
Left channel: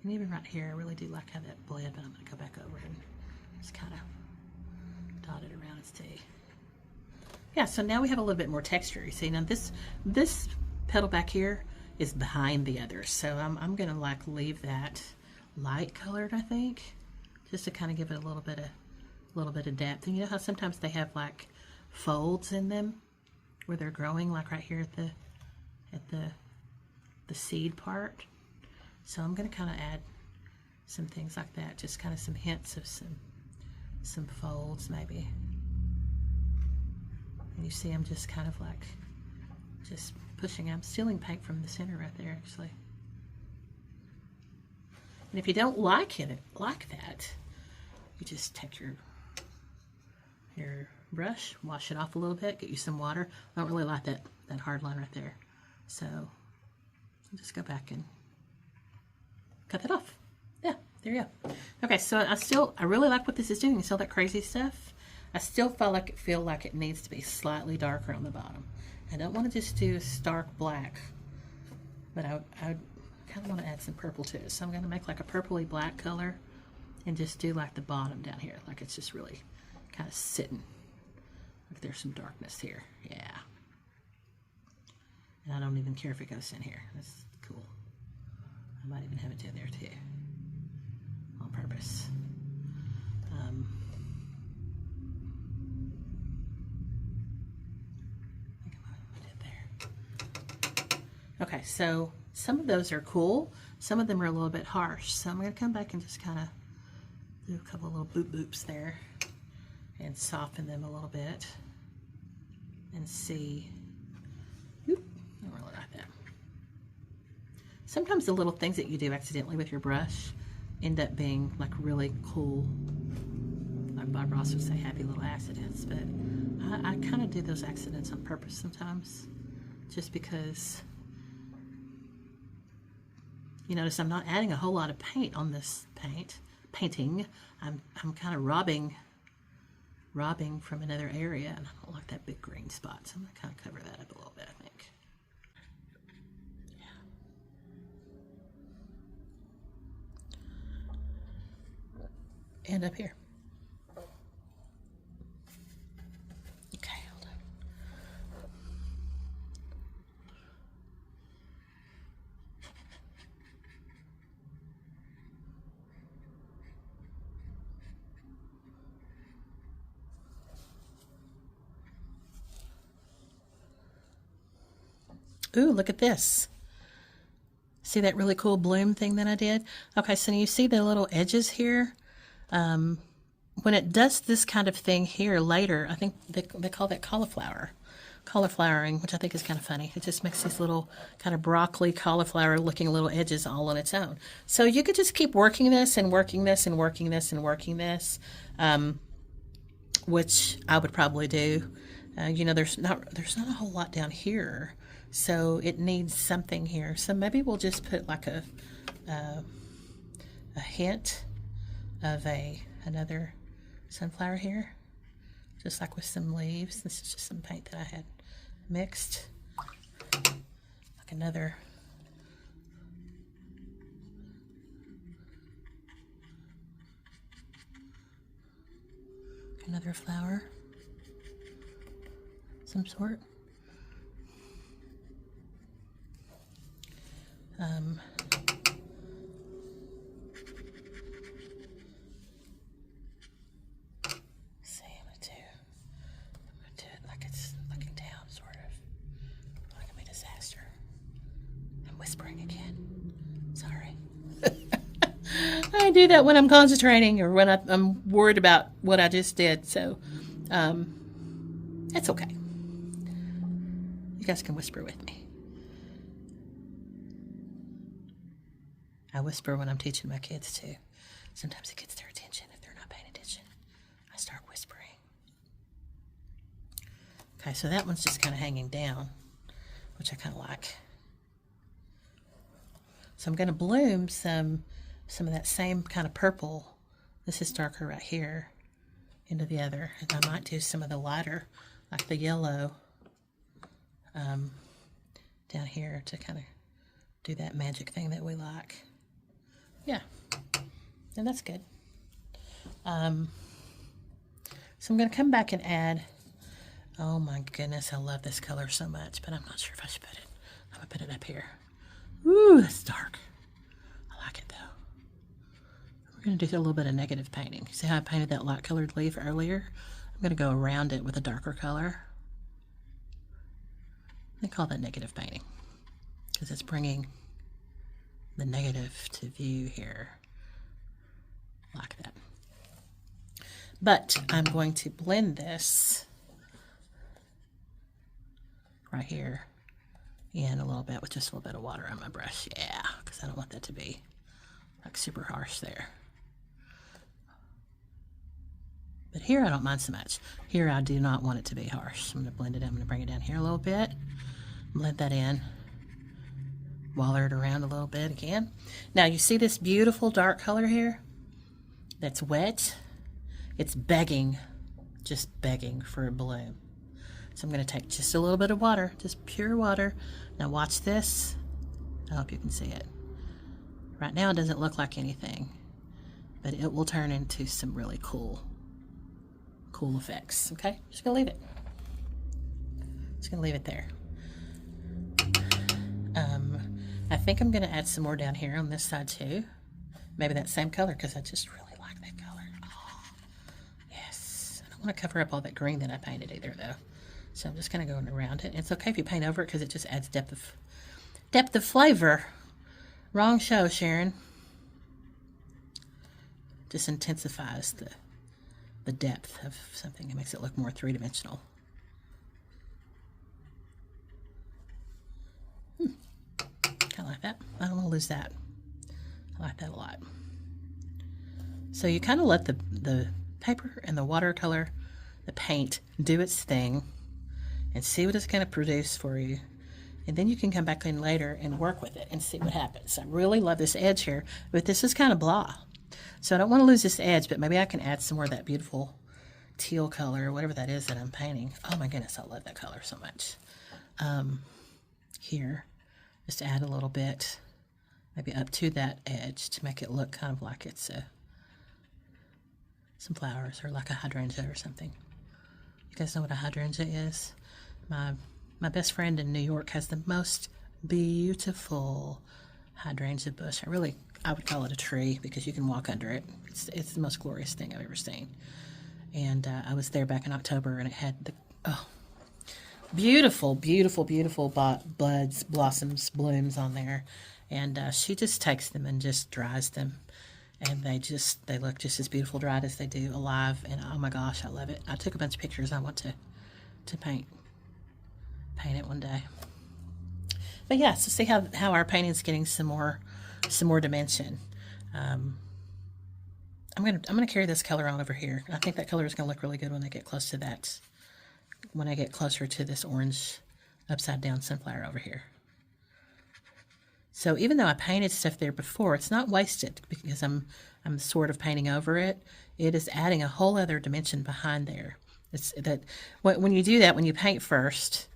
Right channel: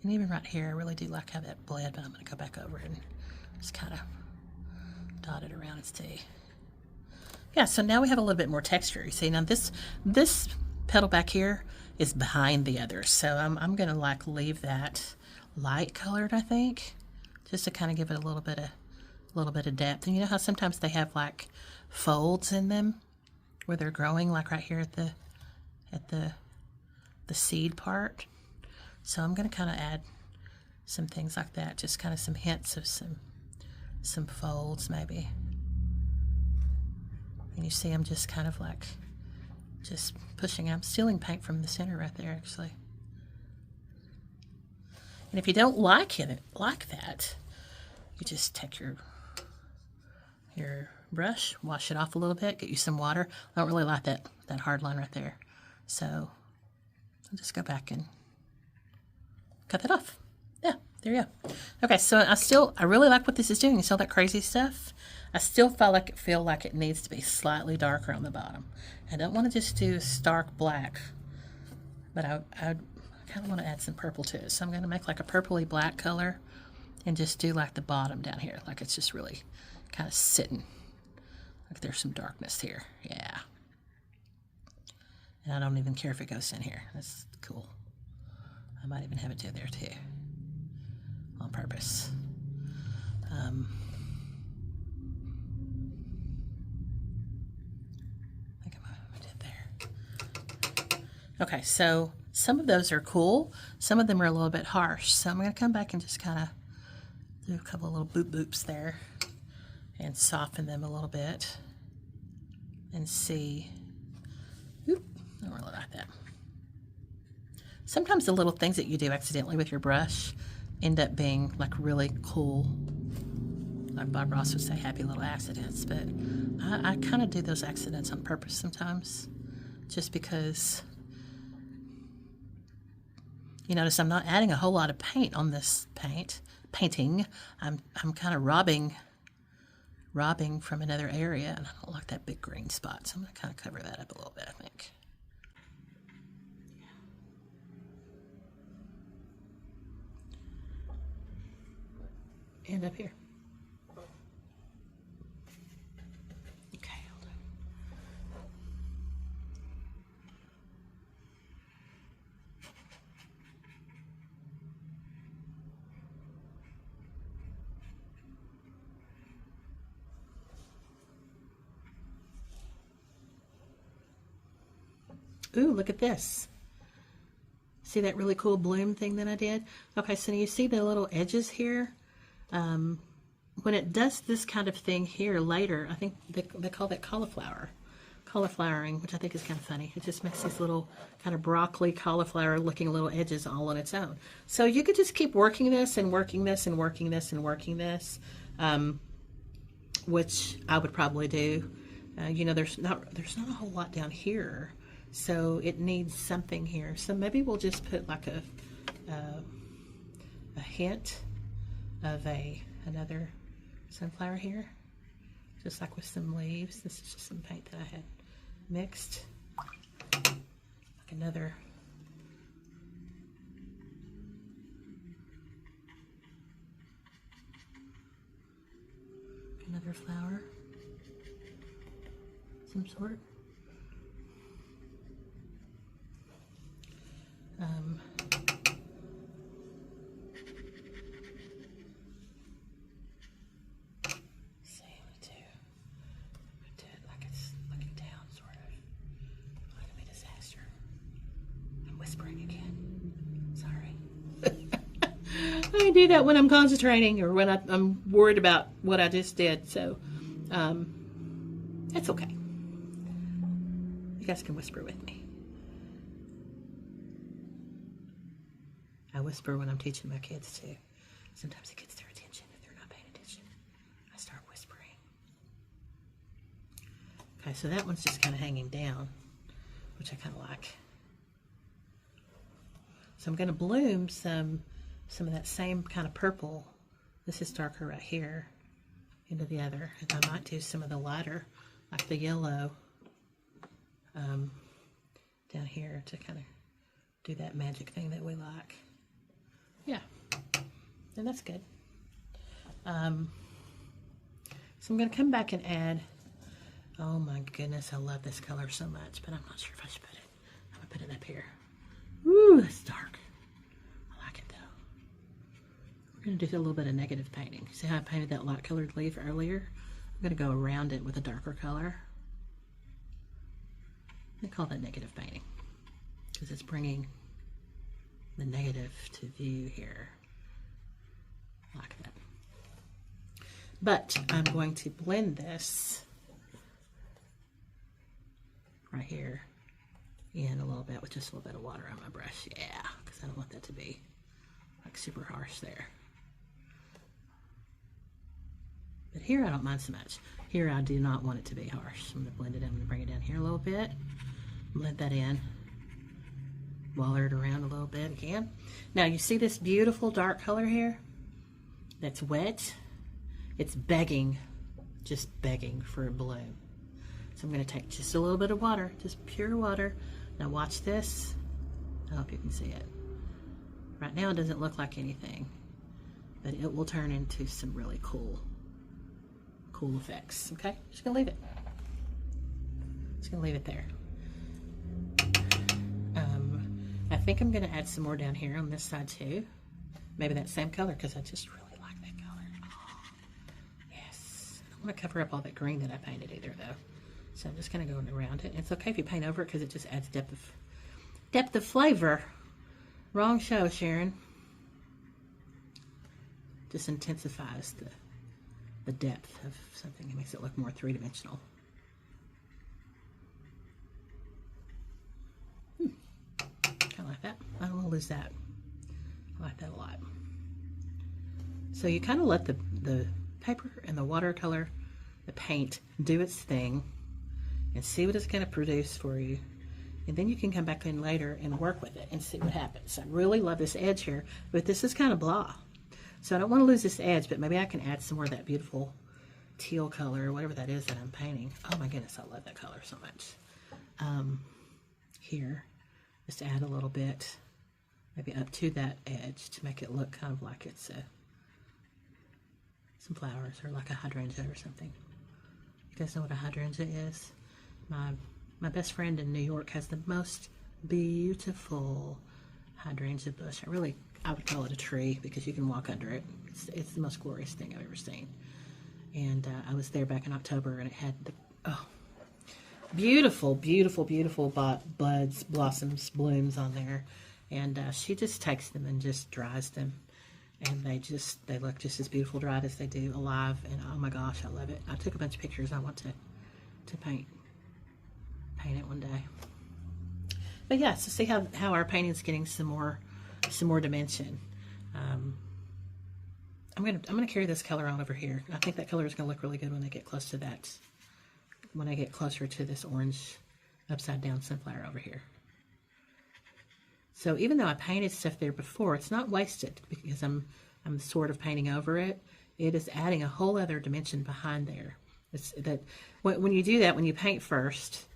And even right here, I really do like how that bled, but I'm going to go back over it and just kind of dot it around its T. Yeah, so now we have a little bit more texture. You see, now this petal back here is behind the others. So I'm going to like leave that light colored, I think, just to kind of give it a little bit of depth. And you know how sometimes they have like folds in them where they're growing, like right here at the seed part. So I'm going to kind of add some things like that, just kind of some hints of some folds maybe. And you see I'm just kind of like just pushing. I'm stealing paint from the center right there, actually. And if you don't like it like that, you just take your brush, wash it off a little bit, get you some water. I don't really like that hard line right there. So I'll just go back and cut that off. Yeah, there you go. Okay, so I really like what this is doing. You see all that crazy stuff? I still feel like it needs to be slightly darker on the bottom. I don't want to just do stark black, but I kind of want to add some purple to it. So I'm going to make like a purpley black color and just do like the bottom down here, like it's just really kind of sitting. Like there's some darkness here. Yeah. And I don't even care if it goes in here. That's cool. I might even have it do there too, on purpose. I think I did there. Okay, so some of those are cool. Some of them are a little bit harsh. So I'm going to come back and just kind of do a couple of little boop boops there and soften them a little bit and see. Oop, I don't really like that. Sometimes the little things that you do accidentally with your brush end up being like really cool. Like Bob Ross would say, happy little accidents, but I kind of do those accidents on purpose sometimes, just because you notice I'm not adding a whole lot of paint on this painting. I'm kind of robbing from another area, and I don't like that big green spot, so I'm going to kind of cover that up a little bit, I think. And up here. Okay, hold on. Ooh, look at this. See that really cool bloom thing that I did? Okay, so you see the little edges here? When it does this kind of thing here later, I think they call that cauliflowering, which I think is kind of funny. It just makes these little kind of broccoli cauliflower looking little edges all on its own. So you could just keep working this and working this and working this and working this, which I would probably do. You know, there's not a whole lot down here, so it needs something here. So maybe we'll just put like a hint of another sunflower here, just like with some leaves. This is just some paint that I had mixed, like another Another flower, some sort. See, I'm gonna do it like it's looking down, sort of. Like I'm a disaster. I'm whispering again. Sorry. I do that when I'm concentrating or when I'm worried about what I just did, so it's okay. You guys can whisper with me. I whisper when I'm teaching my kids too. Sometimes it gets their attention if they're not paying attention. I start whispering. Okay, so that one's just kind of hanging down, which I kind of like. So I'm going to bloom some of that same kind of purple. This is darker right here into the other. And I might do some of the lighter, like the yellow, down here to kind of do that magic thing that we like. Yeah, and that's good. So I'm going to come back and add, oh my goodness, I love this color so much, but I'm not sure if I should put it. I'm going to put it up here. Ooh, that's dark. I like it though. We're going to do a little bit of negative painting. See how I painted that light colored leaf earlier? I'm going to go around it with a darker color. I call that negative painting because it's bringing the negative to view here, like that. But I'm going to blend this right here in a little bit with just a little bit of water on my brush. Yeah, because I don't want that to be like super harsh there. But here I don't mind so much. Here I do not want it to be harsh. I'm going to blend it in. I'm going to bring it down here a little bit. Blend that in. Waller it around a little bit again. Now you see this beautiful dark color here that's wet? It's begging, just begging for a bloom. So I'm going to take just a little bit of water, just pure water. Now watch this. I hope you can see it. Right now it doesn't look like anything, but it will turn into some really cool effects. Okay, just going to leave it. Just going to leave it there. I think I'm going to add some more down here on this side too. Maybe that same color because I just really like that color. Oh, yes. I don't want to cover up all that green that I painted either though. So I'm just kind of going around it. It's okay if you paint over it because it just adds depth of flavor. Wrong show, Sharon. Just intensifies the depth of something. It makes it look more three-dimensional. I like that. I don't want to lose that. I like that a lot. So you kind of let the paper and the watercolor, the paint, do its thing and see what it's going to produce for you. And then you can come back in later and work with it and see what happens. I really love this edge here, but this is kind of blah. So I don't want to lose this edge, but maybe I can add some more of that beautiful teal color, whatever that is that I'm painting. Oh my goodness, I love that color so much. Here. Just add a little bit, maybe up to that edge to make it look kind of like it's some flowers or like a hydrangea or something. You guys know what a hydrangea is? My best friend in New York has the most beautiful hydrangea bush. I would call it a tree because you can walk under it. It's the most glorious thing I've ever seen. And I was there back in October and it had the beautiful, beautiful, beautiful buds, blossoms, blooms on there. And she just takes them and just dries them. And they look just as beautiful dried as they do alive. And oh my gosh, I love it. I took a bunch of pictures. I want to paint it one day. But yeah, so see how our painting's getting some more dimension. I'm gonna carry this color on over here. I think that color is gonna look really good when I get close to that. When I get closer to this orange upside down sunflower over here. So even though I painted stuff there before, it's not wasted because I'm sort of painting over it. It is adding a whole other dimension behind there. It's that when you do that, when you paint first,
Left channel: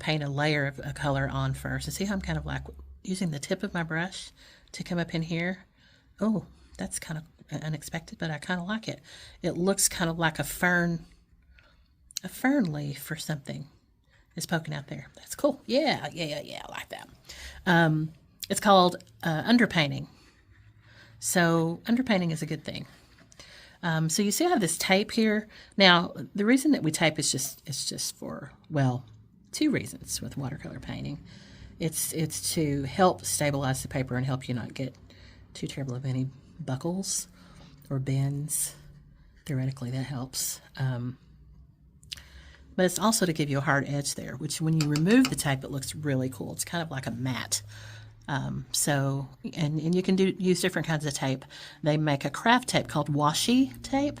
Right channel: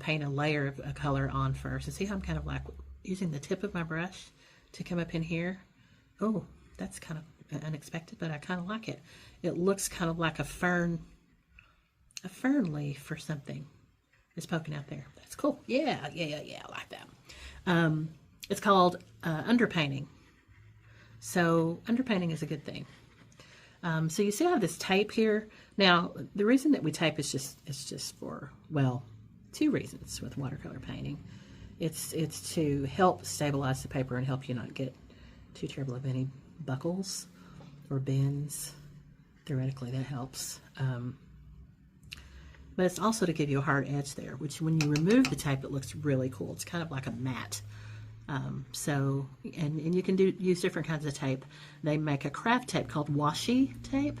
paint a layer of a color on first. And see how I'm kind of like using the tip of my brush to come up in here? Oh, that's kind of unexpected, but I kind of like it. It looks kind of like a fern leaf or something is poking out there. That's cool. Yeah, I like that. It's called underpainting. So underpainting is a good thing. So you see I have this tape here. Now, the reason that we tape is just for, well, two reasons with watercolor painting. It's to help stabilize the paper and help you not get too terrible of any buckles or bends. Theoretically, that helps. But it's also to give you a hard edge there, which when you remove the tape, it looks really cool. It's kind of like a matte. And you can use different kinds of tape. They make a craft tape called washi tape.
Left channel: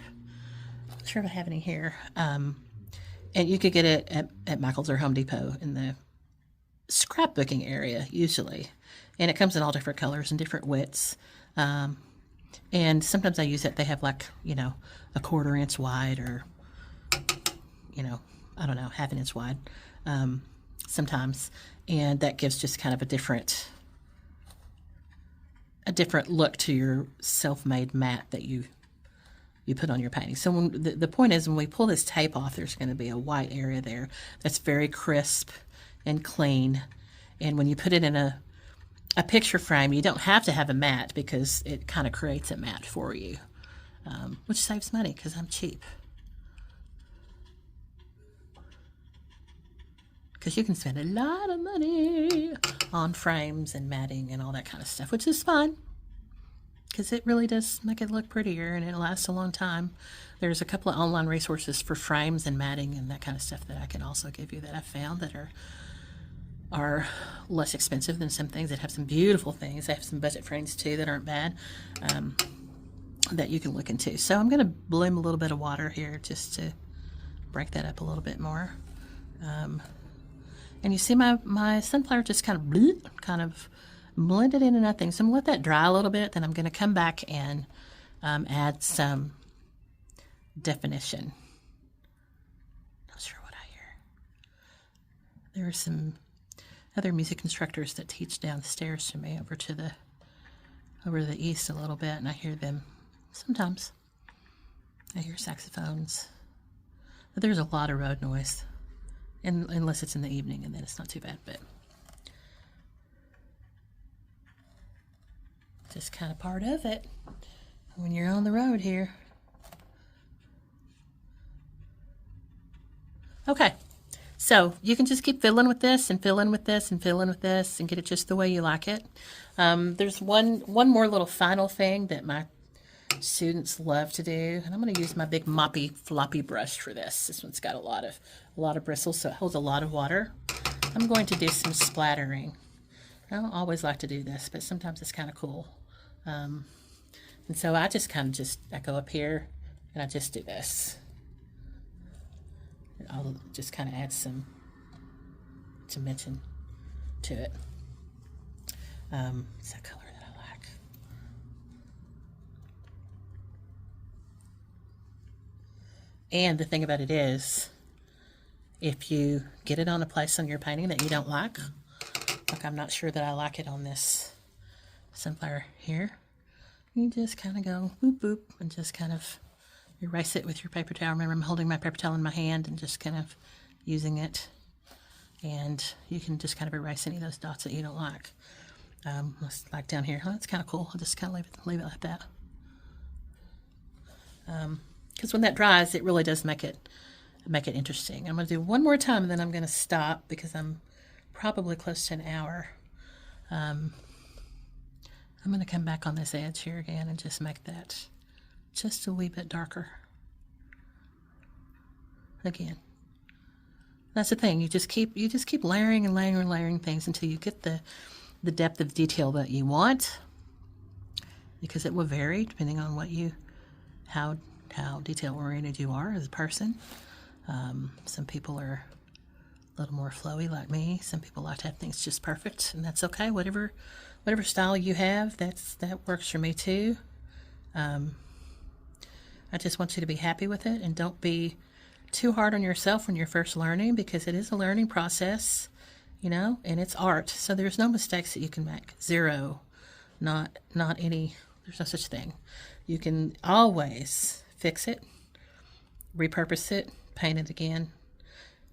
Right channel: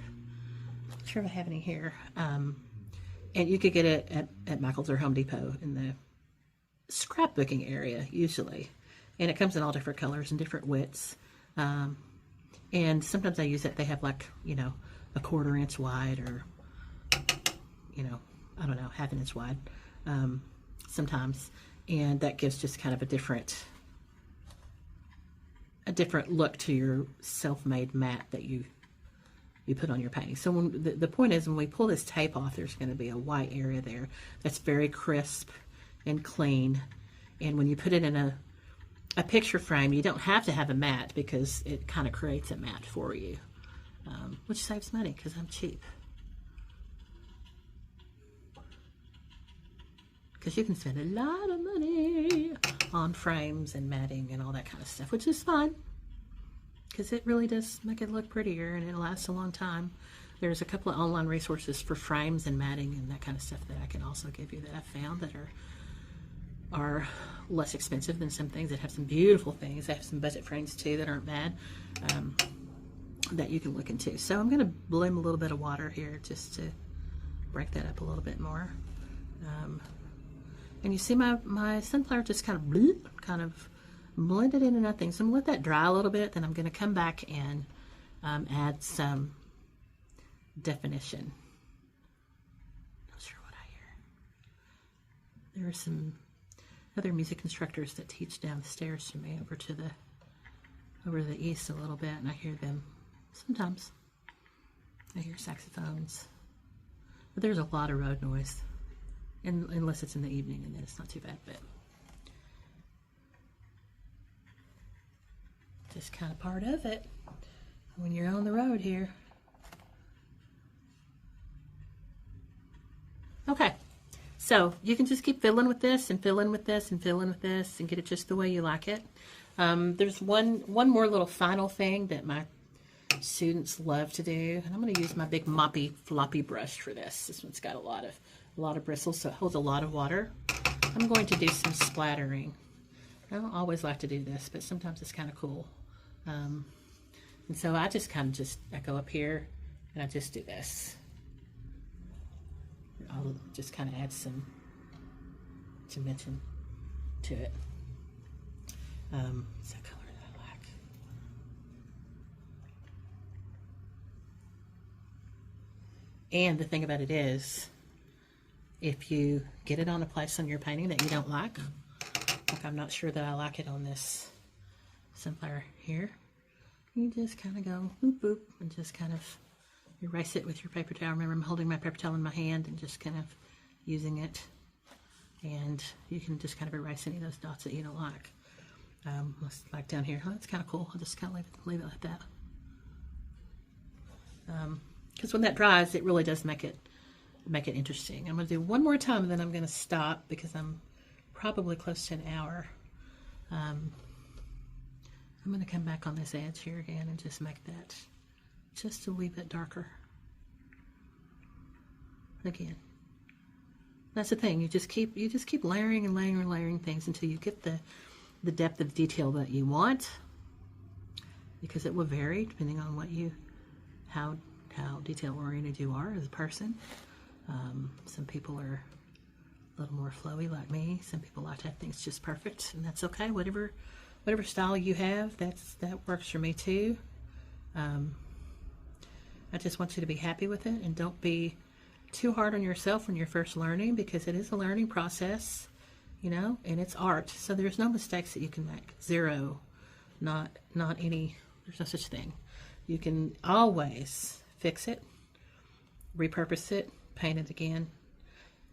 I'm not sure if I have any here. And you could get it at Michael's or Home Depot in the scrapbooking area, usually. And it comes in all different colors and different widths. And sometimes I use it. They have like, a 1/4 inch wide or, I don't know, 1/2 inch wide sometimes. And that gives just kind of a different look to your self-made mat that you put on your painting. So the point is, when we pull this tape off, there's going to be a white area there that's very crisp and clean. And when you put it in a picture frame, you don't have to have a mat because it kind of creates a mat for you, which saves money because I'm cheap. Because you can spend a lot of money on frames and matting and all that kind of stuff, which is fun because it really does make it look prettier and it lasts a long time. There's a couple of online resources for frames and matting and that kind of stuff that I can also give you that I've found that are less expensive than some things that have some beautiful things. They have some budget frames too that aren't bad that you can look into. So I'm going to bloom a little bit of water here just to break that up a little bit more. And you see my sunflower just kind of blended into nothing. So I'm going to let that dry a little bit. Then I'm going to come back and add some definition. Not sure what I hear. There are some other music instructors that teach downstairs from me over to the east a little bit, and I hear them sometimes. I hear saxophones. But there's a lot of road noise. Unless it's in the evening, and then it's not too bad, but just kind of part of it when you're on the road here. Okay, so you can just keep filling with this and filling with this and filling with this and get it just the way you like it. There's one more little final thing that my students love to do, and I'm going to use my big moppy floppy brush for this. This one's got a lot of bristles, so it holds a lot of water. I'm going to do some splattering. I don't always like to do this, but sometimes it's kind of cool. And so I just I go up here and I just do this. And I'll just kind of add some dimension to it. It's a color that I like. And the thing about it is, if you get it on a place on your painting that you don't like I'm not sure that I like it on this sunflower here, you just kind of go boop boop and just kind of erase it with your paper towel. Remember, I'm holding my paper towel in my hand and just kind of using it, and you can just kind of erase any of those dots that you don't like. Like down here, that's kind of cool. I'll just kind of leave it like that. Because when that dries, it really does make it interesting. I'm going to do one more time, and then I'm going to stop because I'm probably close to an hour. I'm going to come back on this edge here again and just make that just a wee bit darker. Again, that's the thing. You just keep layering and layering and layering things until you get the depth of detail that you want, because it will vary depending on how detail oriented you are as a person. Some people are a little more flowy like me. Some people like to have things just perfect, and that's okay. Whatever style you have, that works for me too. I just want you to be happy with it, and don't be too hard on yourself when you're first learning, because it is a learning process, and it's art. So there's no mistakes that you can make. Zero. Not any. There's no such thing. You can always fix it, repurpose it, paint it again,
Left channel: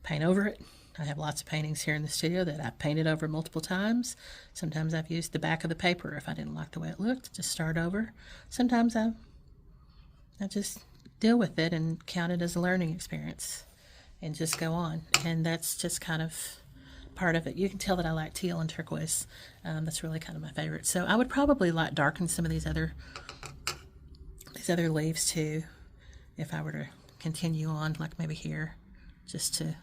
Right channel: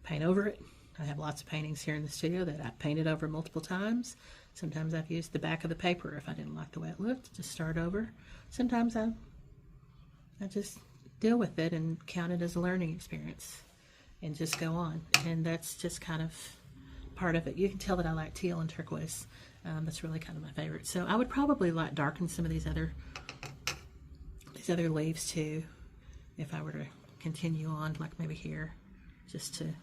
paint over it. I have lots of paintings here in the studio that I've painted over multiple times. Sometimes I've used the back of the paper if I didn't like the way it looked, just start over. Sometimes I just deal with it and count it as a learning experience and just go on. And that's just kind of part of it. You can tell that I like teal and turquoise. That's really kind of my favorite. So I would probably like darken some of these other leaves too, if I were to continue on, like maybe here, just to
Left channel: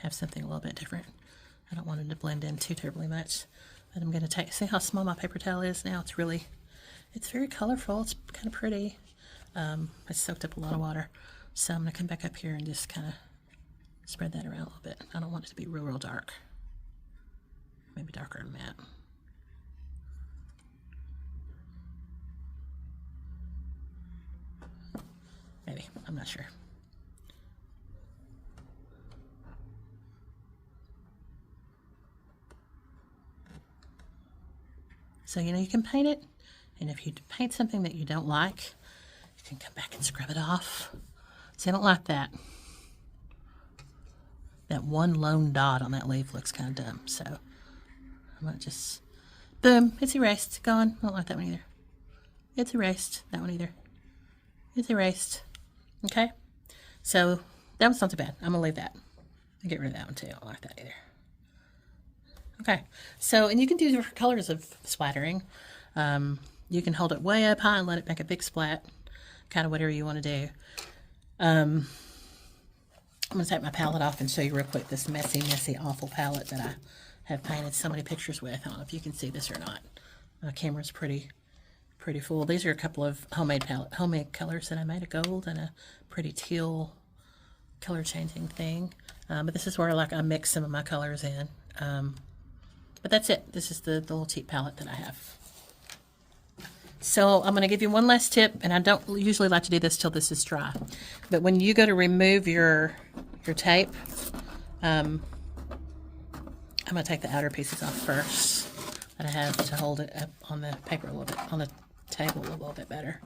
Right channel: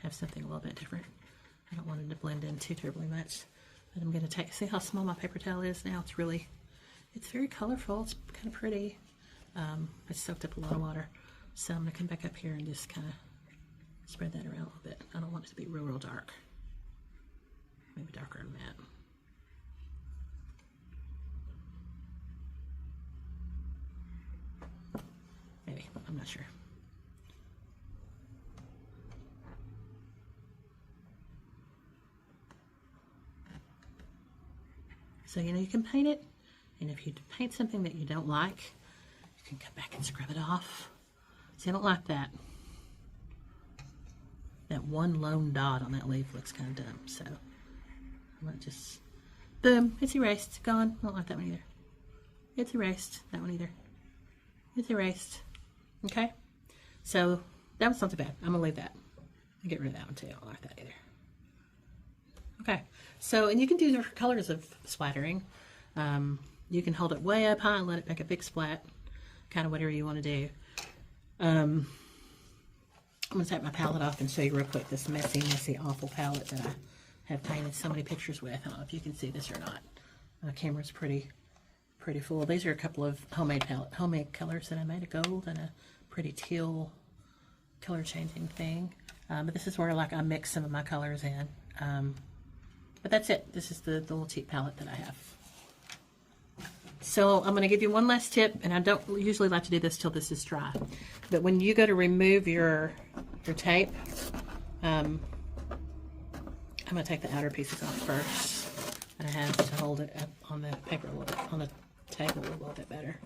have something a little bit different. I don't want it to blend in too terribly much. But I'm going to see how small my paper towel is now. It's very colorful. It's kind of pretty. It's soaked up a lot of water. So I'm going to come back up here and just kind of spread that around a little bit. I don't want it to be real, real dark. Maybe darker than that. Maybe, I'm not sure. So, you know, you can paint it, and if you paint something that you don't like, you can come back and scrub it off. See, I don't like that. That one lone dot on that leaf looks kind of dumb, so I'm going to just, boom, it's erased, gone. I don't like that one either. It's erased, that one either. It's erased. Okay, so that was not too bad. I'm going to leave that. I'll get rid of that one too. I don't like that either. Okay, so, and you can do different colors of splattering. You can hold it way up high and let it make a big splat, kind of whatever you want to do. I'm going to take my palette off and show you real quick this messy, messy, awful palette that I have painted so many pictures with. I don't know if you can see this or not. My camera's pretty full. These are a couple of homemade colors that I made, a gold and a pretty teal color changing thing. But this is where I mix some of my colors in. But that's it. This is the little cheap palette that I have. So I'm going to give you one last tip, and I don't usually like to do this till this is dry. But when you go to remove your tape, I'm going to take the outer pieces off first. And I have to hold it up on the paper a little bit, on the table a little bit better.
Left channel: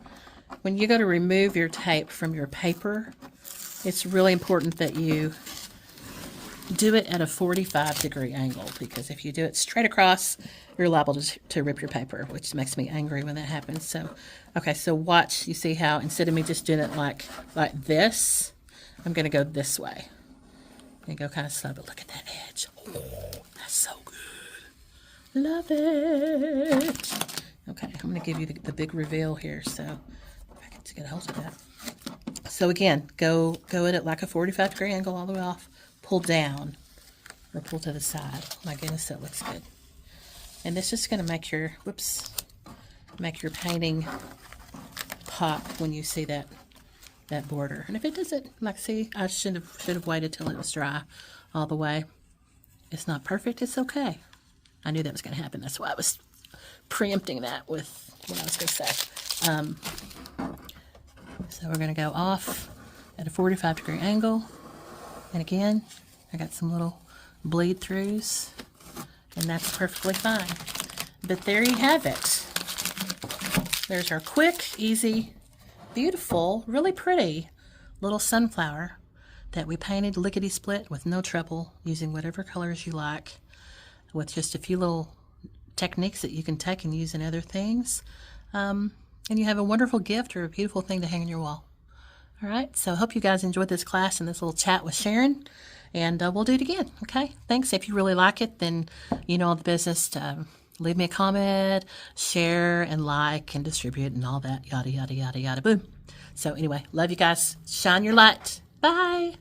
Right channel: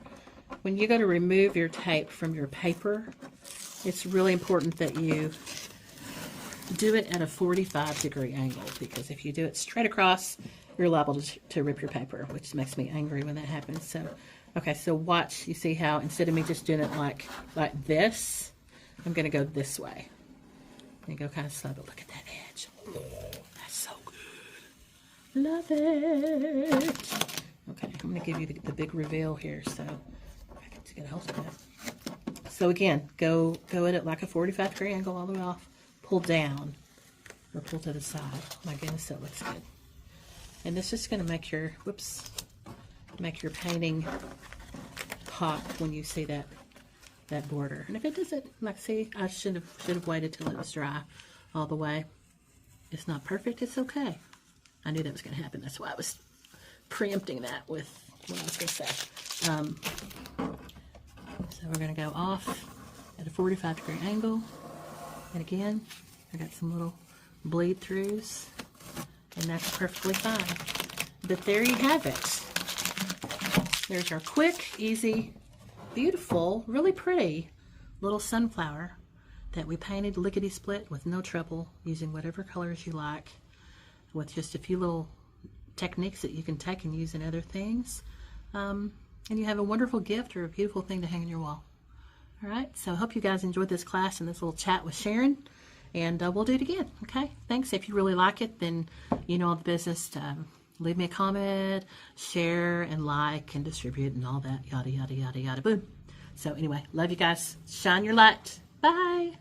When you go to remove your tape from your paper, it's really important that you do it at a 45-degree angle, because if you do it straight across, you're liable to rip your paper, which makes me angry when that happens. So, okay, so watch. You see how instead of me just doing it like this, I'm going to go this way. And go kind of slow, but look at that edge. Oh, that's so good. Love it. Okay, I'm going to give you the big reveal here, so if I can get a hold of that. So again, go at it like a 45-degree angle all the way off. Pull down or pull to the side. My goodness, that looks good. And this is going to make your painting pop when you see that border. And if it doesn't, like, see, I should have waited till it was dry all the way. It's not perfect. It's okay. I knew that was going to happen. That's why I was preempting that with what I was going to say. So we're going to go off at a 45-degree angle. And again, I got some little bleed throughs, and that's perfectly fine. But there you have it. There's our quick, easy, beautiful, really pretty little sunflower that we painted lickety-split with no trouble, using whatever colors you like, with just a few little techniques that you can take and use in other things. And you have a wonderful gift or a beautiful thing to hang on your wall. All right, so I hope you guys enjoyed this class and this little chat with Sharon, and we'll do it again, okay? Thanks. If you really like it, then you know the business to leave me a comment, share, and like, and distribute, and all that, yada, yada, yada, yada, boom. So anyway, love you guys. Shine your light. Bye.